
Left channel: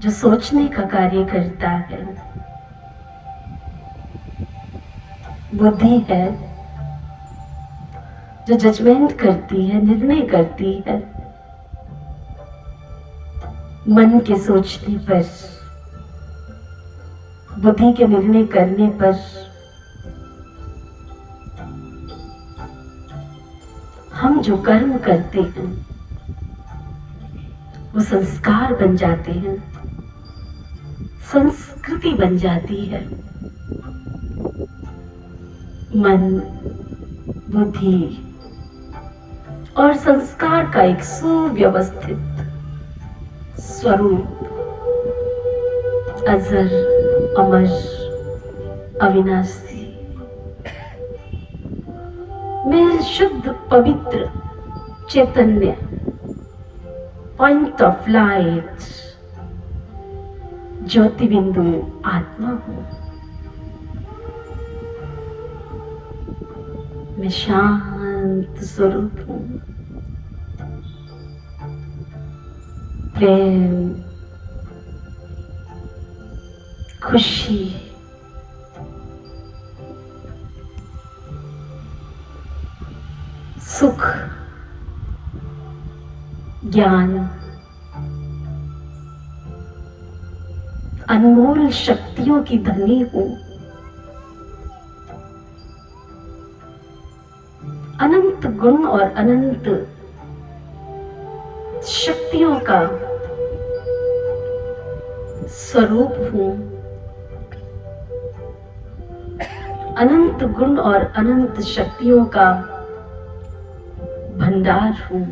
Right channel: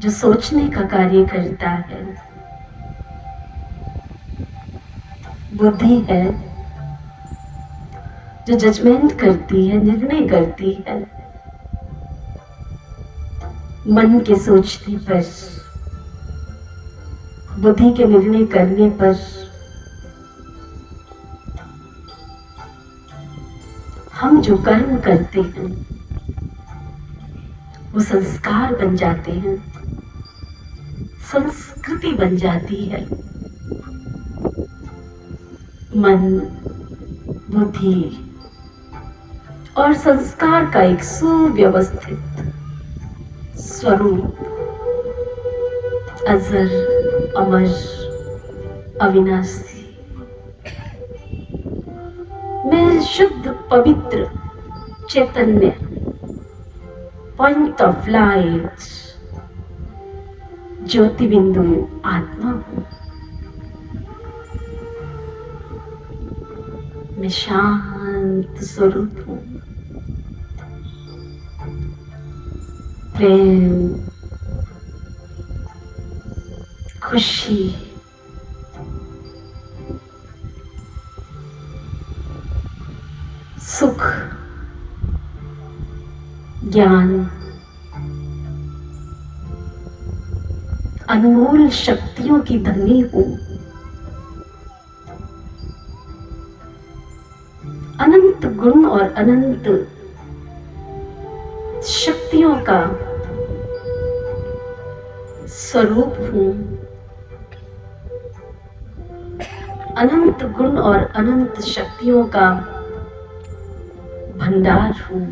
जो सोचने का कार्य करता है, बुद्धि है जो जजमेंट करती है, निर्णय करती है। मन के सोचने पर, बुद्धि के निर्णय करने पर हम जो कर्म करते हैं वो संस्कार बन जाते हैं, संस्कृति बन जाती है। मन, बुद्धि और संस्कार का एक सुव्यवस्थित स्वरूप अजर अमर अविनाशी में शुद्ध पवित्र चैतन्य पॉइंट ऑफ लाइट ज्योति बिंदु आत्मा हूं। मैं शांत स्वरूप हूं। प्रेम, खुशी, सुख, ज्ञान, अनमोल शक्तियों की धनी हूं। अनंत गुण और अनंत शक्तियों का स्वरूप हूं। अनंत गुण और अनंत शक्तियों का भंडार हूं।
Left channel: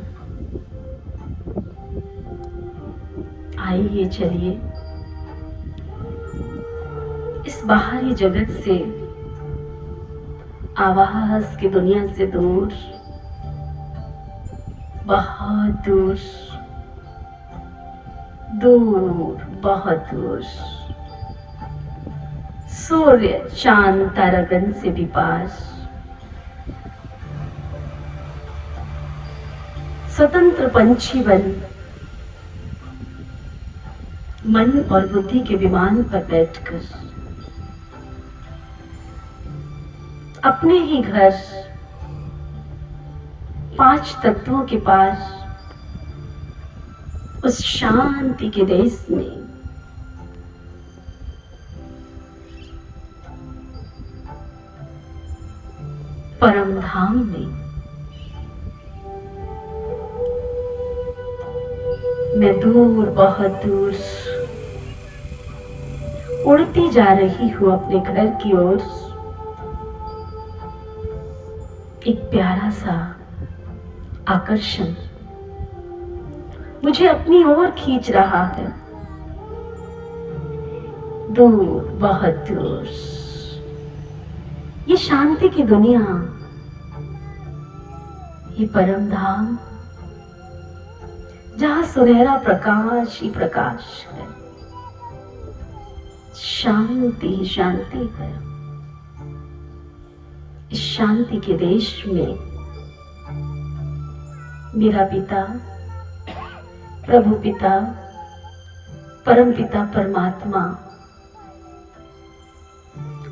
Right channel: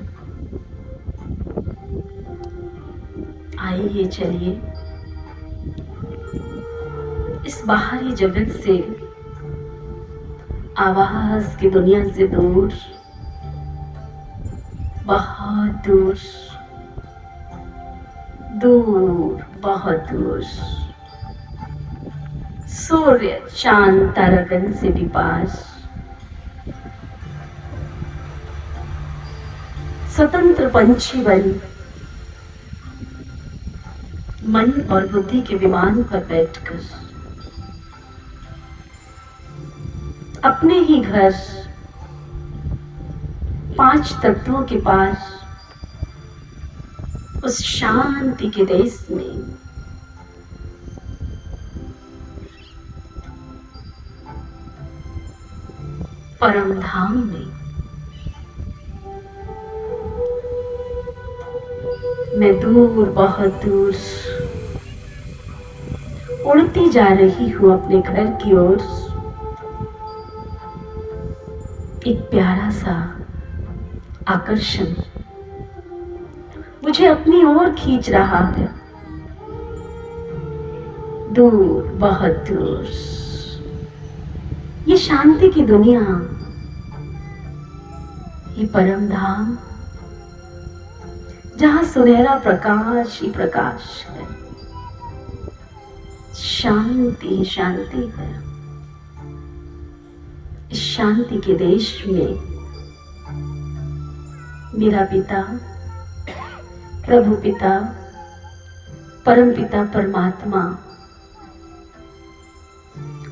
आइए चलिए इस बाहरी जगत से, आवाज की दुनिया से दूर, बहुत दूर, दूर, बहुत दूर, सूर्य चांद तारागण से भी पार, स्वतंत्र पंछी बन मन और बुद्धि के विमान पर बैठकर अपने ही घर 5 तत्वों के पार उस शांति के देश में परम धाम में मैं दूर, बहुत दूर उड़ती जा रही हूं अपने घर की ओर। एक प्यारा सा आकर्षण मुझे अपनी ओर खींच रहा है, दूर, बहुत दूर। ये शांति की दुनिया, ये परम धाम जहां सुनहरा प्रकाश ही प्रकाश है, शांति ही शांति है। इस शांति के देश में मेरा पिता, प्रभु पिता, परम पिता परमात्मा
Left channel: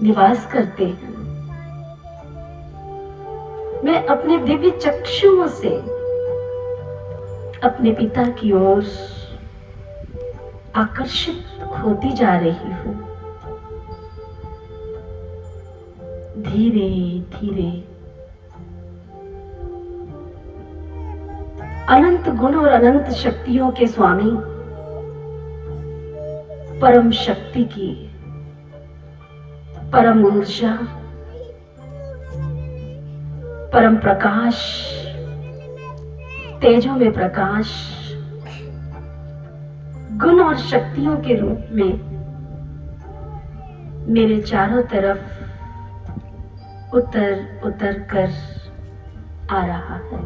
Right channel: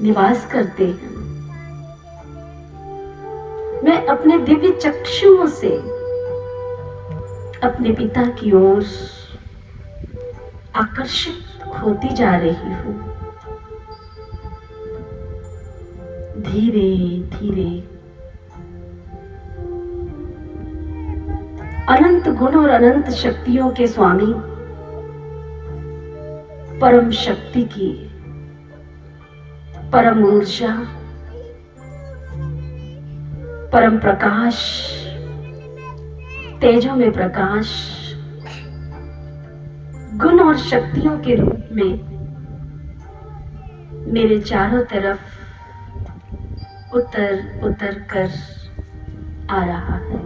निवास करते हैं। मैं अपने दिव्य चक्षुओं से अपने पिता की ओर आकर्षित होती जा रही हूँ। धीरे धीरे अनंत गुण और अनंत शक्तियों के स्वामी परम शक्ति की परम ऊर्जा, परम प्रकाश, तेजों में प्रकाश, गुण और शक्तियों के रूप में मेरे चारों तरफ उतर उतर कर आ रहा है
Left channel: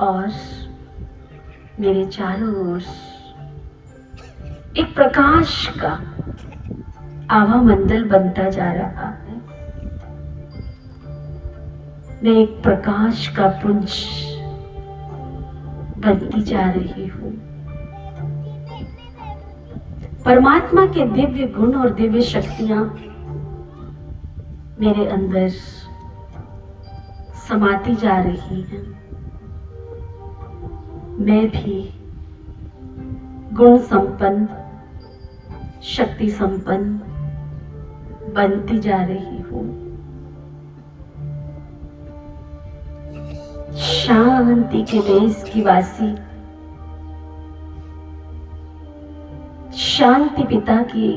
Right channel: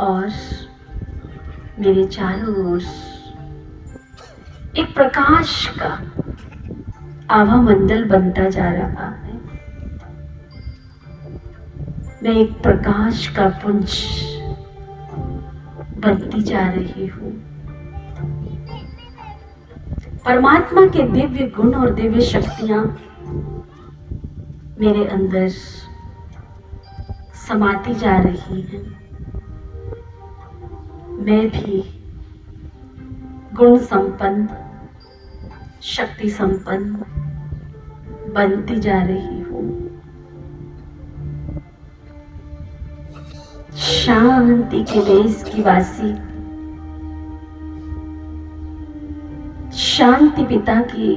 और मेरे चारों ओर एक प्रकाश का आभा मंडल बनता जा रहा है। मैं एक प्रकाश का पुंज बनती जा रही हूँ। परमात्मा के दिव्य गुण और दिव्य शक्तियां मेरे अंदर समाती जा रही हैं। मैं भी गुण संपन्न, शक्ति संपन्न बनती जा रही हूँ। शांति के देश की वासी, शांति पिता की,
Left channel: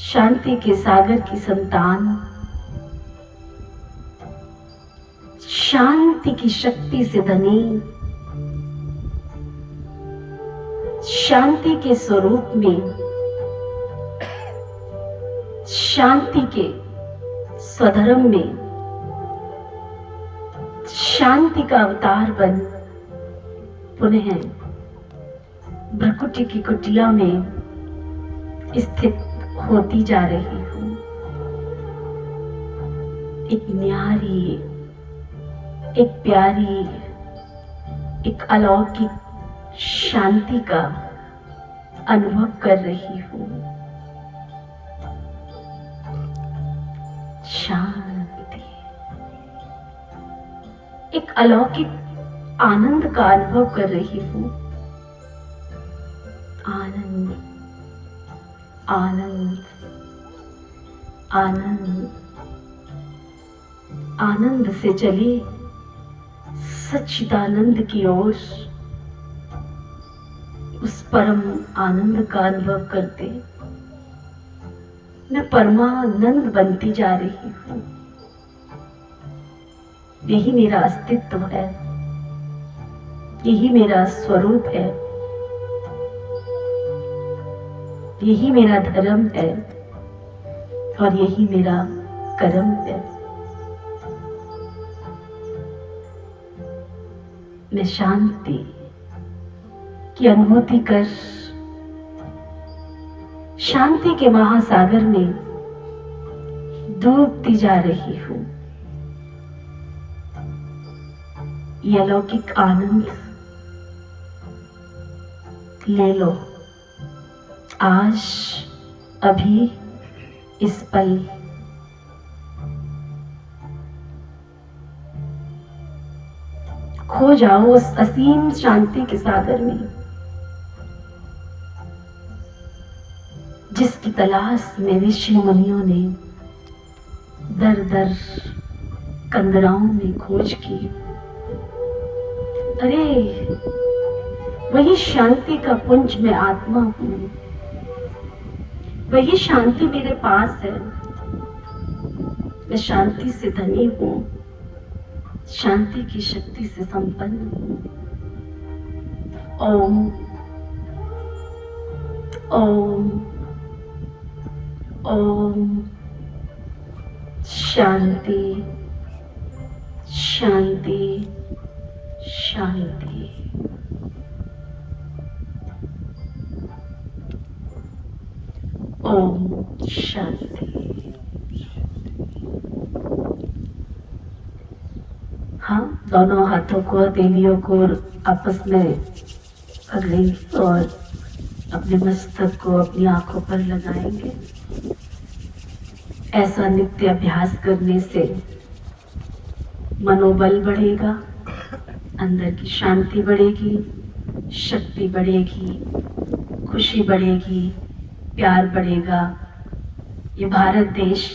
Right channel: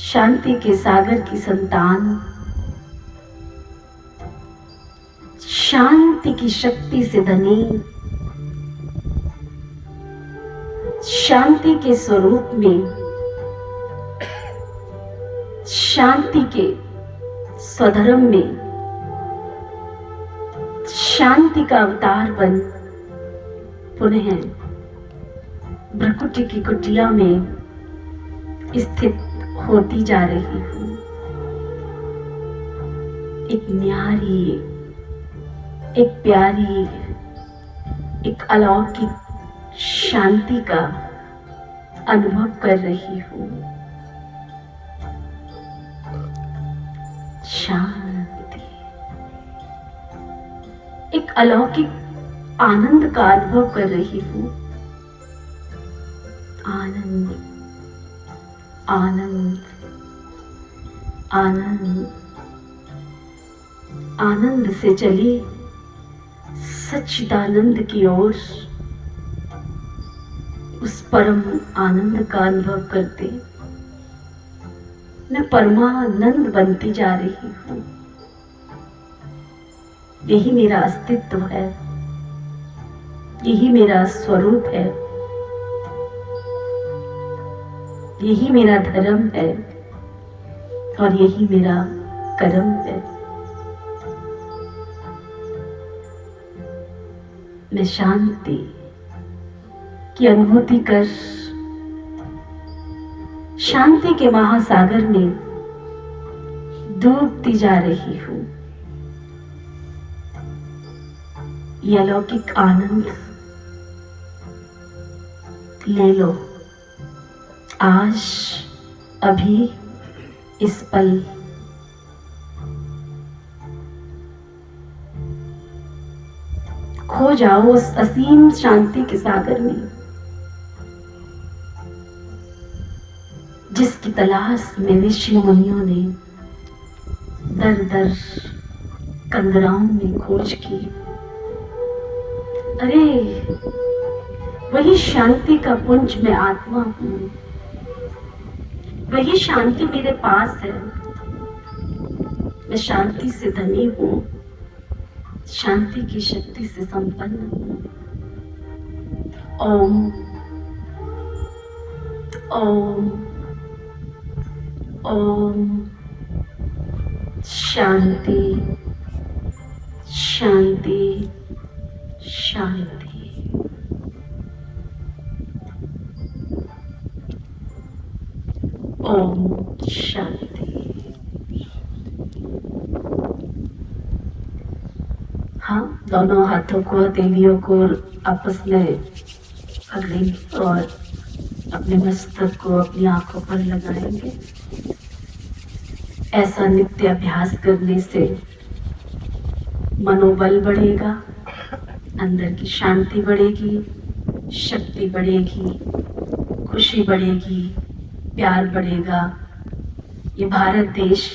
शांति के सागर की संतान, शांति की शक्ति से धनी, शांति के स्वरूप में, शांति के स्वधर्म में, शांति का अवतार बन पुनः भ्रकुटी की कुटिया में स्थित होती जा रही हूँ। एक न्यारी, एक प्यारी, एक अलौकिक शांति का अनुभव कर रही हूँ। शांति, एक अलौकिक आनंद का अनुभव कर रही हूँ। आनंद, आनंद, आनंद, आनंद से चली सच्चिदानंद की ओर, उस परम आनंद का अनुभव करते मैं परमानंद बनती जा रही हूँ। यही मेरा अस्तित्व है, यही मेरा स्वरूप है, यही मेरा धर्म है और यही मेरा कर्म है। मैं शांति की अनुभूति कर शांति के महासागर में डूबती जा रही हूँ। यह अलौकिक आनंद ले लो आज, अभी, इस पल। खो जाओ उस असीम शांति के सागर में, जिसकी तलाश में ऋषि मुनियों ने दर दर कंदराओं में खोज की। अरे वही शांति का पुंज मैं आत्मा हूँ, वही शांति मेरे पास है। मैं शांति से धनी हूँ, शांति की शक्ति से संपन्न हूँ। ओम ओम ओम। शांति शांति शांति। ओम शांति। हाँ, दोनों हाथों को, हथेलियों को आपस में पकड़ेंगे और अपने मस्तक को अपनी आंखों पर लगाएंगे। ऐसा नित्य अभ्यास करने से मनोबल बढ़ेगा, अंदर की शांति बढ़ेगी, शक्ति बढ़ेगी, खुशी बढ़ेगी, प्यार बढ़ेगा। ये भारत देश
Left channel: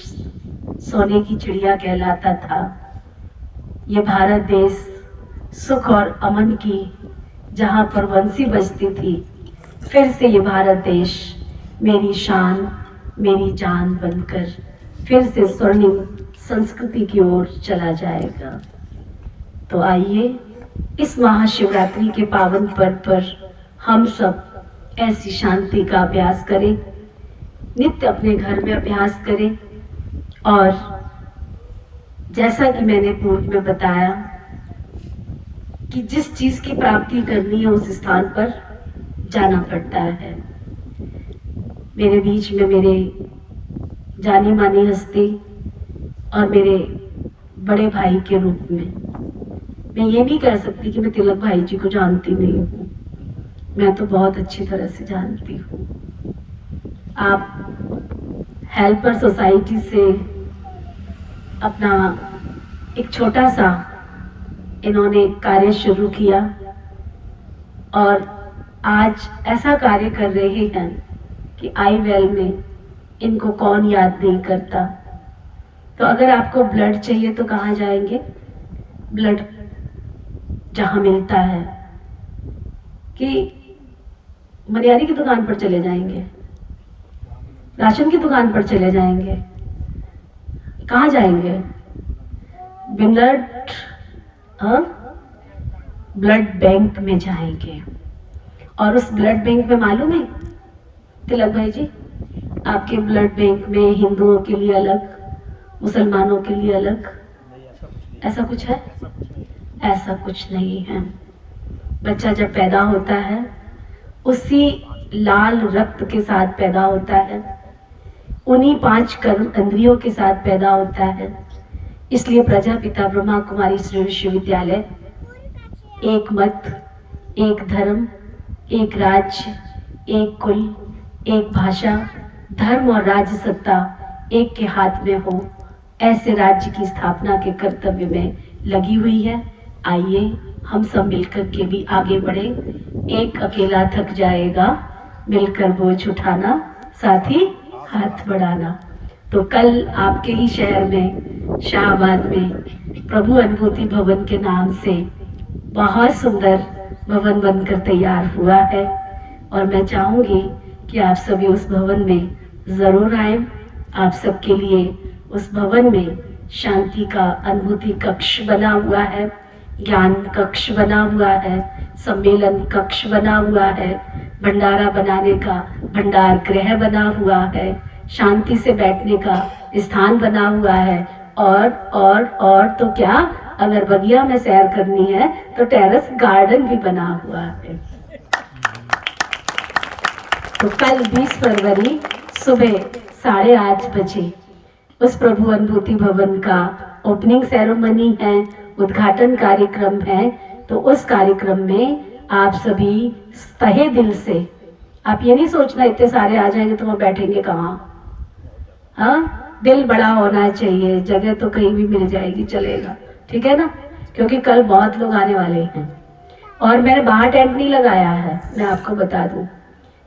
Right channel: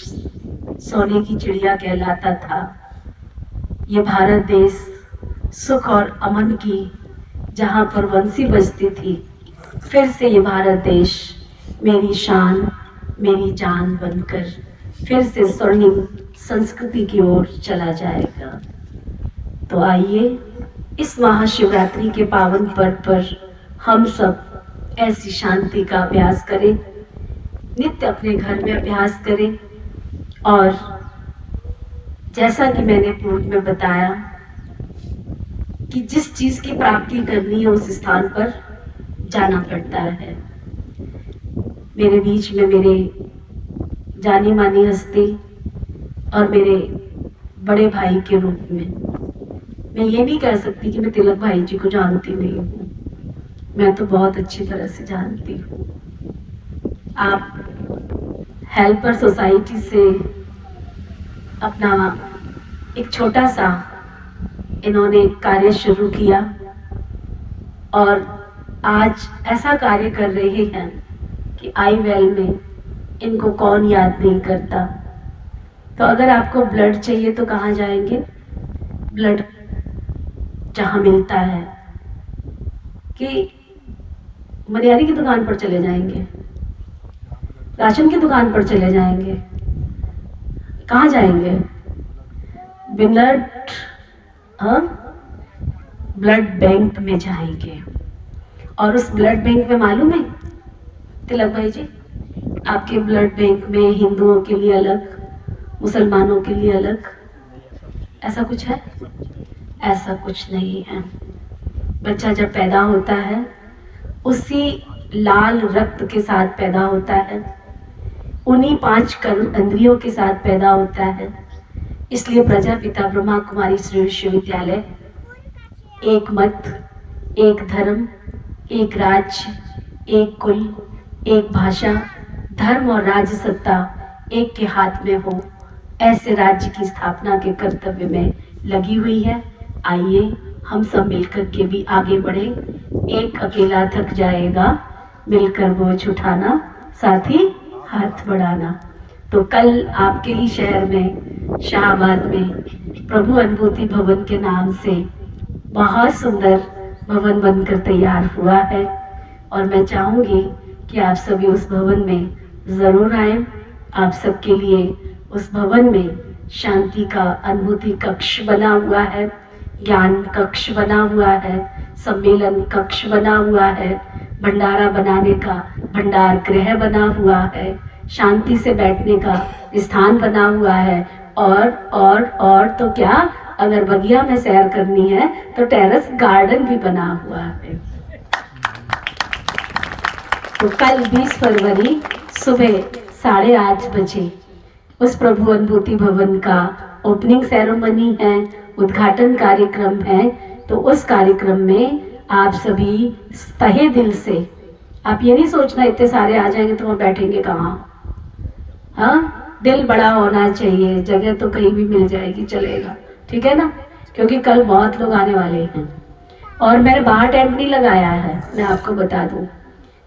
सोने की चिड़िया कहलाता था। ये भारत देश सुख और अमन की जहाँ पर बंसी बजती थी, फिर से ये भारत देश मेरी शान मेरी जान बनकर फिर से स्वर्णिम संस्कृति की ओर चला जाएगा। तो आइए इस महाशिवरात्रि के पावन पर्व पर हम सब ऐसी शांति का अभ्यास करें, नित्य अपने घर में अभ्यास करें। और जैसा कि मैंने पूर्व में बताया कि जिस चीज की प्राप्ति करनी है उस स्थान पर जाना पड़ता है। मेरे बीच में मेरे जानी मानी हस्ती और मेरे बड़े भाई के रूप में मैं ये नहीं कह सकती कि मैं तिलक भाई जी को जानती नहीं हूँ, मैं तो बहुत अच्छी तरह से जानती हूँ। आप हेल्पर सोसाइटी से अपना एक छोटा सा इन्होंने कार्य शुरू किया और आज ऐसा कार्य कर रहे हैं कि आई वेल में इनको कौन याद नहीं करता। तो अगर आपको ब्लड चाहिए तो कहाँ जाएंगे? ब्लड जहाँ मिलता है कि मनियारी की दुकान पर चले जाएंगे, राशन की दुकान पर चले जाएंगे, कहाँ जाएंगे? ब्लड ब्लड बैंक में जाएंगे। और उस ब्लड बैंक में मालूम है तिलक भाई जी, आपके ब्लड बैंक में हिंदुओं के लिए अलग, मुसलमानों के लिए अलग, ऐसा कुछ है? ऐसा कुछ नहीं है। बच्चा जब पैदा होता है उसी लाल रक्त के साथ पैदा होता है, उन्हीं 5 कर्म इंद्रियों के साथ पैदा होता है। इसलिए प्रजापिता ब्रह्मा कुमारी श्री विश्वविद्यालय एक मत, एक धर्म, एक राज्य, एक कुल, एक भाषा, धर्म और राज्य सत्ता एक के हाथ में हो, ऐसे राज्य की स्थापना के कर्तव्य में लगी हुई है। आइए हम सब मिलकर के भी आगे बढ़े। एक अकेला थक जाएगा, मिलकर बोझ उठाना, साथ ही हाथ बढ़ाना। तो कल आपके ही शहर में शाहबाद में प्रभु अनुभूति भवन के नाम से बहुत सुंदर भवन बनकर तैयार हुआ है और मैं चाहूंगी कि आप सभी उस भवन में जरूर आए। आप सबके लिए उस भवन में शांति का अनुभूति कक्ष बना हुआ है, ज्ञान कक्ष बना हुआ है, सम्मेलन कक्ष बना हुआ है, भंडारा बनाने का भंडार गृह बना हुआ है, शांति से बैठने का स्थान बना हुआ है और तो क्या, अगर बगिया में सैर करनी है तो टेरेस गार्डन भी बना हुआ है। तो कल 20 फरवरी सुबह 8:30 बजे उस प्रभु अनुभूति भवन का ओपनिंग सेरेमनी है, उद्घाटन कार्यक्रम है। तो उस कार्यक्रम में आप सभी तहे दिल से, आप ये नहीं सोचना इतने सारे आ जाएंगे तो वो बैठेंगे कहाँ, हाँ, दिल बड़ा होना चाहिए, जगह तो कहीं भी मिल जाएगी, चलेगा, ठीक है ना, क्योंकि कल बहुत लोग आने वाले हैं। और मैंने बाहर टेंट नहीं लगाया है, मैं आपको बता दूं,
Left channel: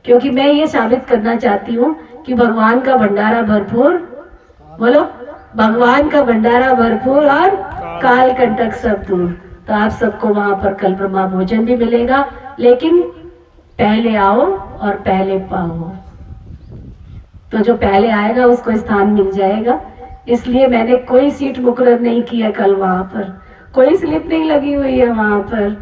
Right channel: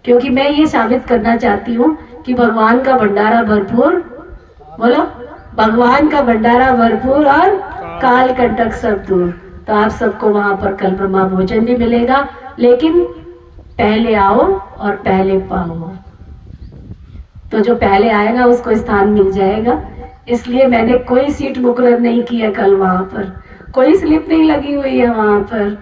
क्योंकि मैं ये साबित करना चाहती हूँ कि भगवान का भंडारा भरपूर, बोलो, भगवान का भंडारा भरपूर और काल कंटक सब दूर। तो आप सबको वहां पर कल ब्रह्मा भोजन भी मिलेगा, लेकिन पहले आओ और पहले पाओ। तो जो पहले आएगा उसको स्थान मिल जाएगा। इसलिए मैंने कोई सीट मुकर्रर नहीं की है कल, वहां पर कोई स्लिप नहीं लगी हुई है वहां पर।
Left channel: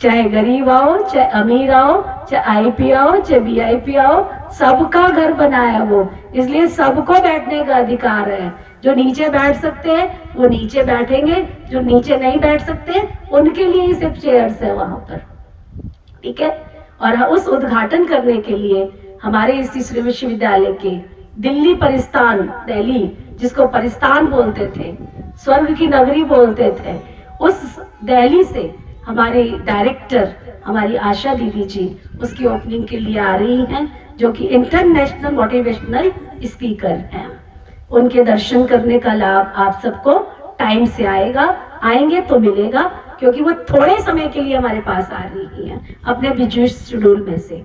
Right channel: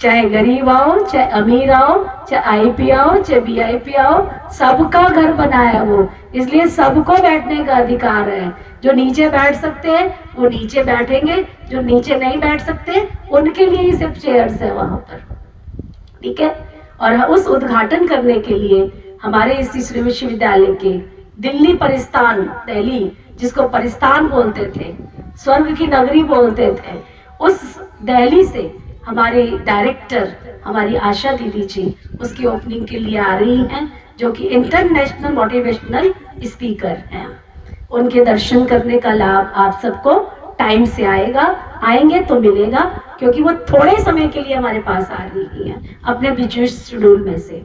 चाहे गरीब आओ, चाहे अमीर आओ, चाहे आईपी आओ, चाहे वीआईपी आओ, सबका घर बनाया वो, इसलिए सबको बैठने का अधिकार है। जो नीचे बैठ सकते हैं वो नीचे बैठेंगे, जो नीचे नहीं बैठ सकते उनके लिए ही सिर्फ चेयर्स है वहां पर, ठीक है। और उस उद्घाटन करने के लिए हमारे इस विश्वविद्यालय के दिल्ली परिस्तान, दिल्ली जिसको परिस्तान बोलते थे, स्वर्ग की नगरी बोलते थे, उस दिल्ली से हमारी डायरेक्टर, हमारी आशा दीदी जी उसकी ओपनिंग के लिए आ रही हैं, जो कि इंटरनेशनल मोटिवेशनल स्पीकर हैं। उनके दर्शन करने का लाभ आप सबको टाइम से आएगा, आएंगे तो मिलेगा, क्योंकि वो थोड़े समय के लिए हमारे पास आ रही हैं अपने बिजी शेड्यूल में से।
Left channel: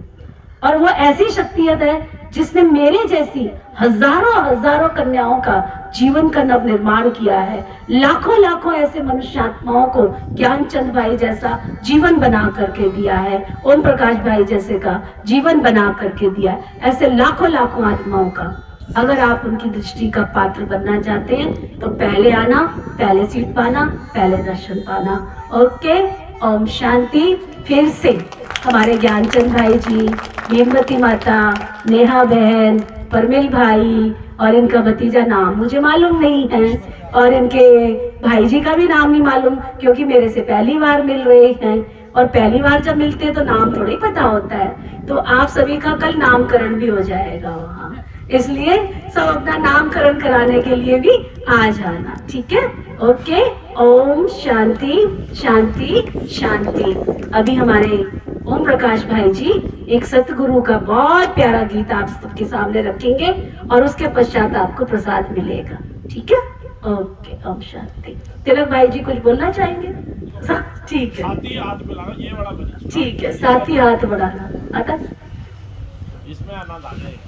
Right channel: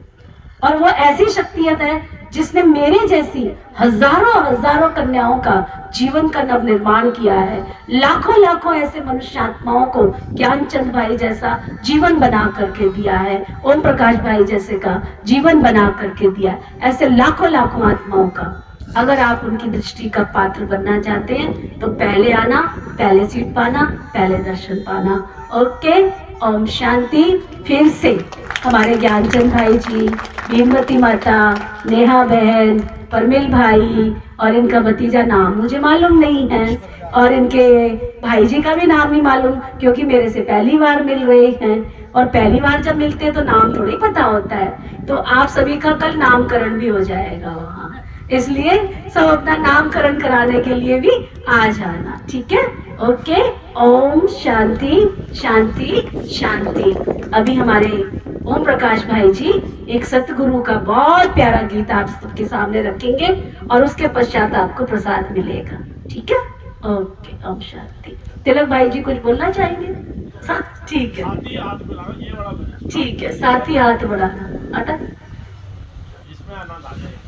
और वो ऐसी शख्सियत है जिसने मेरे जैसी हजारों हजारों कन्याओं का जीवन का नव निर्माण किया है। लाखों लाखों ऐसे मनुष्यात्माओं को ज्ञानचंद भाई जैसा जीवन बना करके दिया है, ओम प्रकाश भाई जैसे का जीवन बना करके दिया, ऐसे लाखों लाखों आत्माओं का। अगर आप उनकी दृष्टि का पात्र बनना चाहते हैं तो पहले आना, पहले सीट पाना, पहले दर्शन पाना। ओके, ओम शांति। फिर से हमारे ज्ञानचंद भाई जी, भीमवती माता, नेहा बहन, परमिल भाई और इनका भतीजा नाम मुझे मालूम नहीं है, और इनके भाई जी का भी नाम नहीं मालूम क्योंकि मेरे से पहली बार मिल रहे हैं, और पहली बार जब मिलते हैं तो नाम थोड़ी पता होता है। तो आप सभी का कल नामकरण भी हो जाएगा वहाँ, इसलिए सब अपना नामकरण कराने के लिए भी आ जाना, ठीक है? ओके, ओम शांति शांति शांति। अभी हमारे ओम प्रकाश भाई जी एक सतगुरु का बहुत प्यारा गीत आप सबके सामने रखेंगे और उसके पश्चात आपको प्रसाद मिलेगा, ठीक है? ओके, ओम शांति। तिलक भाई जी कुछ बोलना चाहेंगे? ठीक है, ठीक है, साथ ही हाथ बढ़ाना। आता इसमें आना था।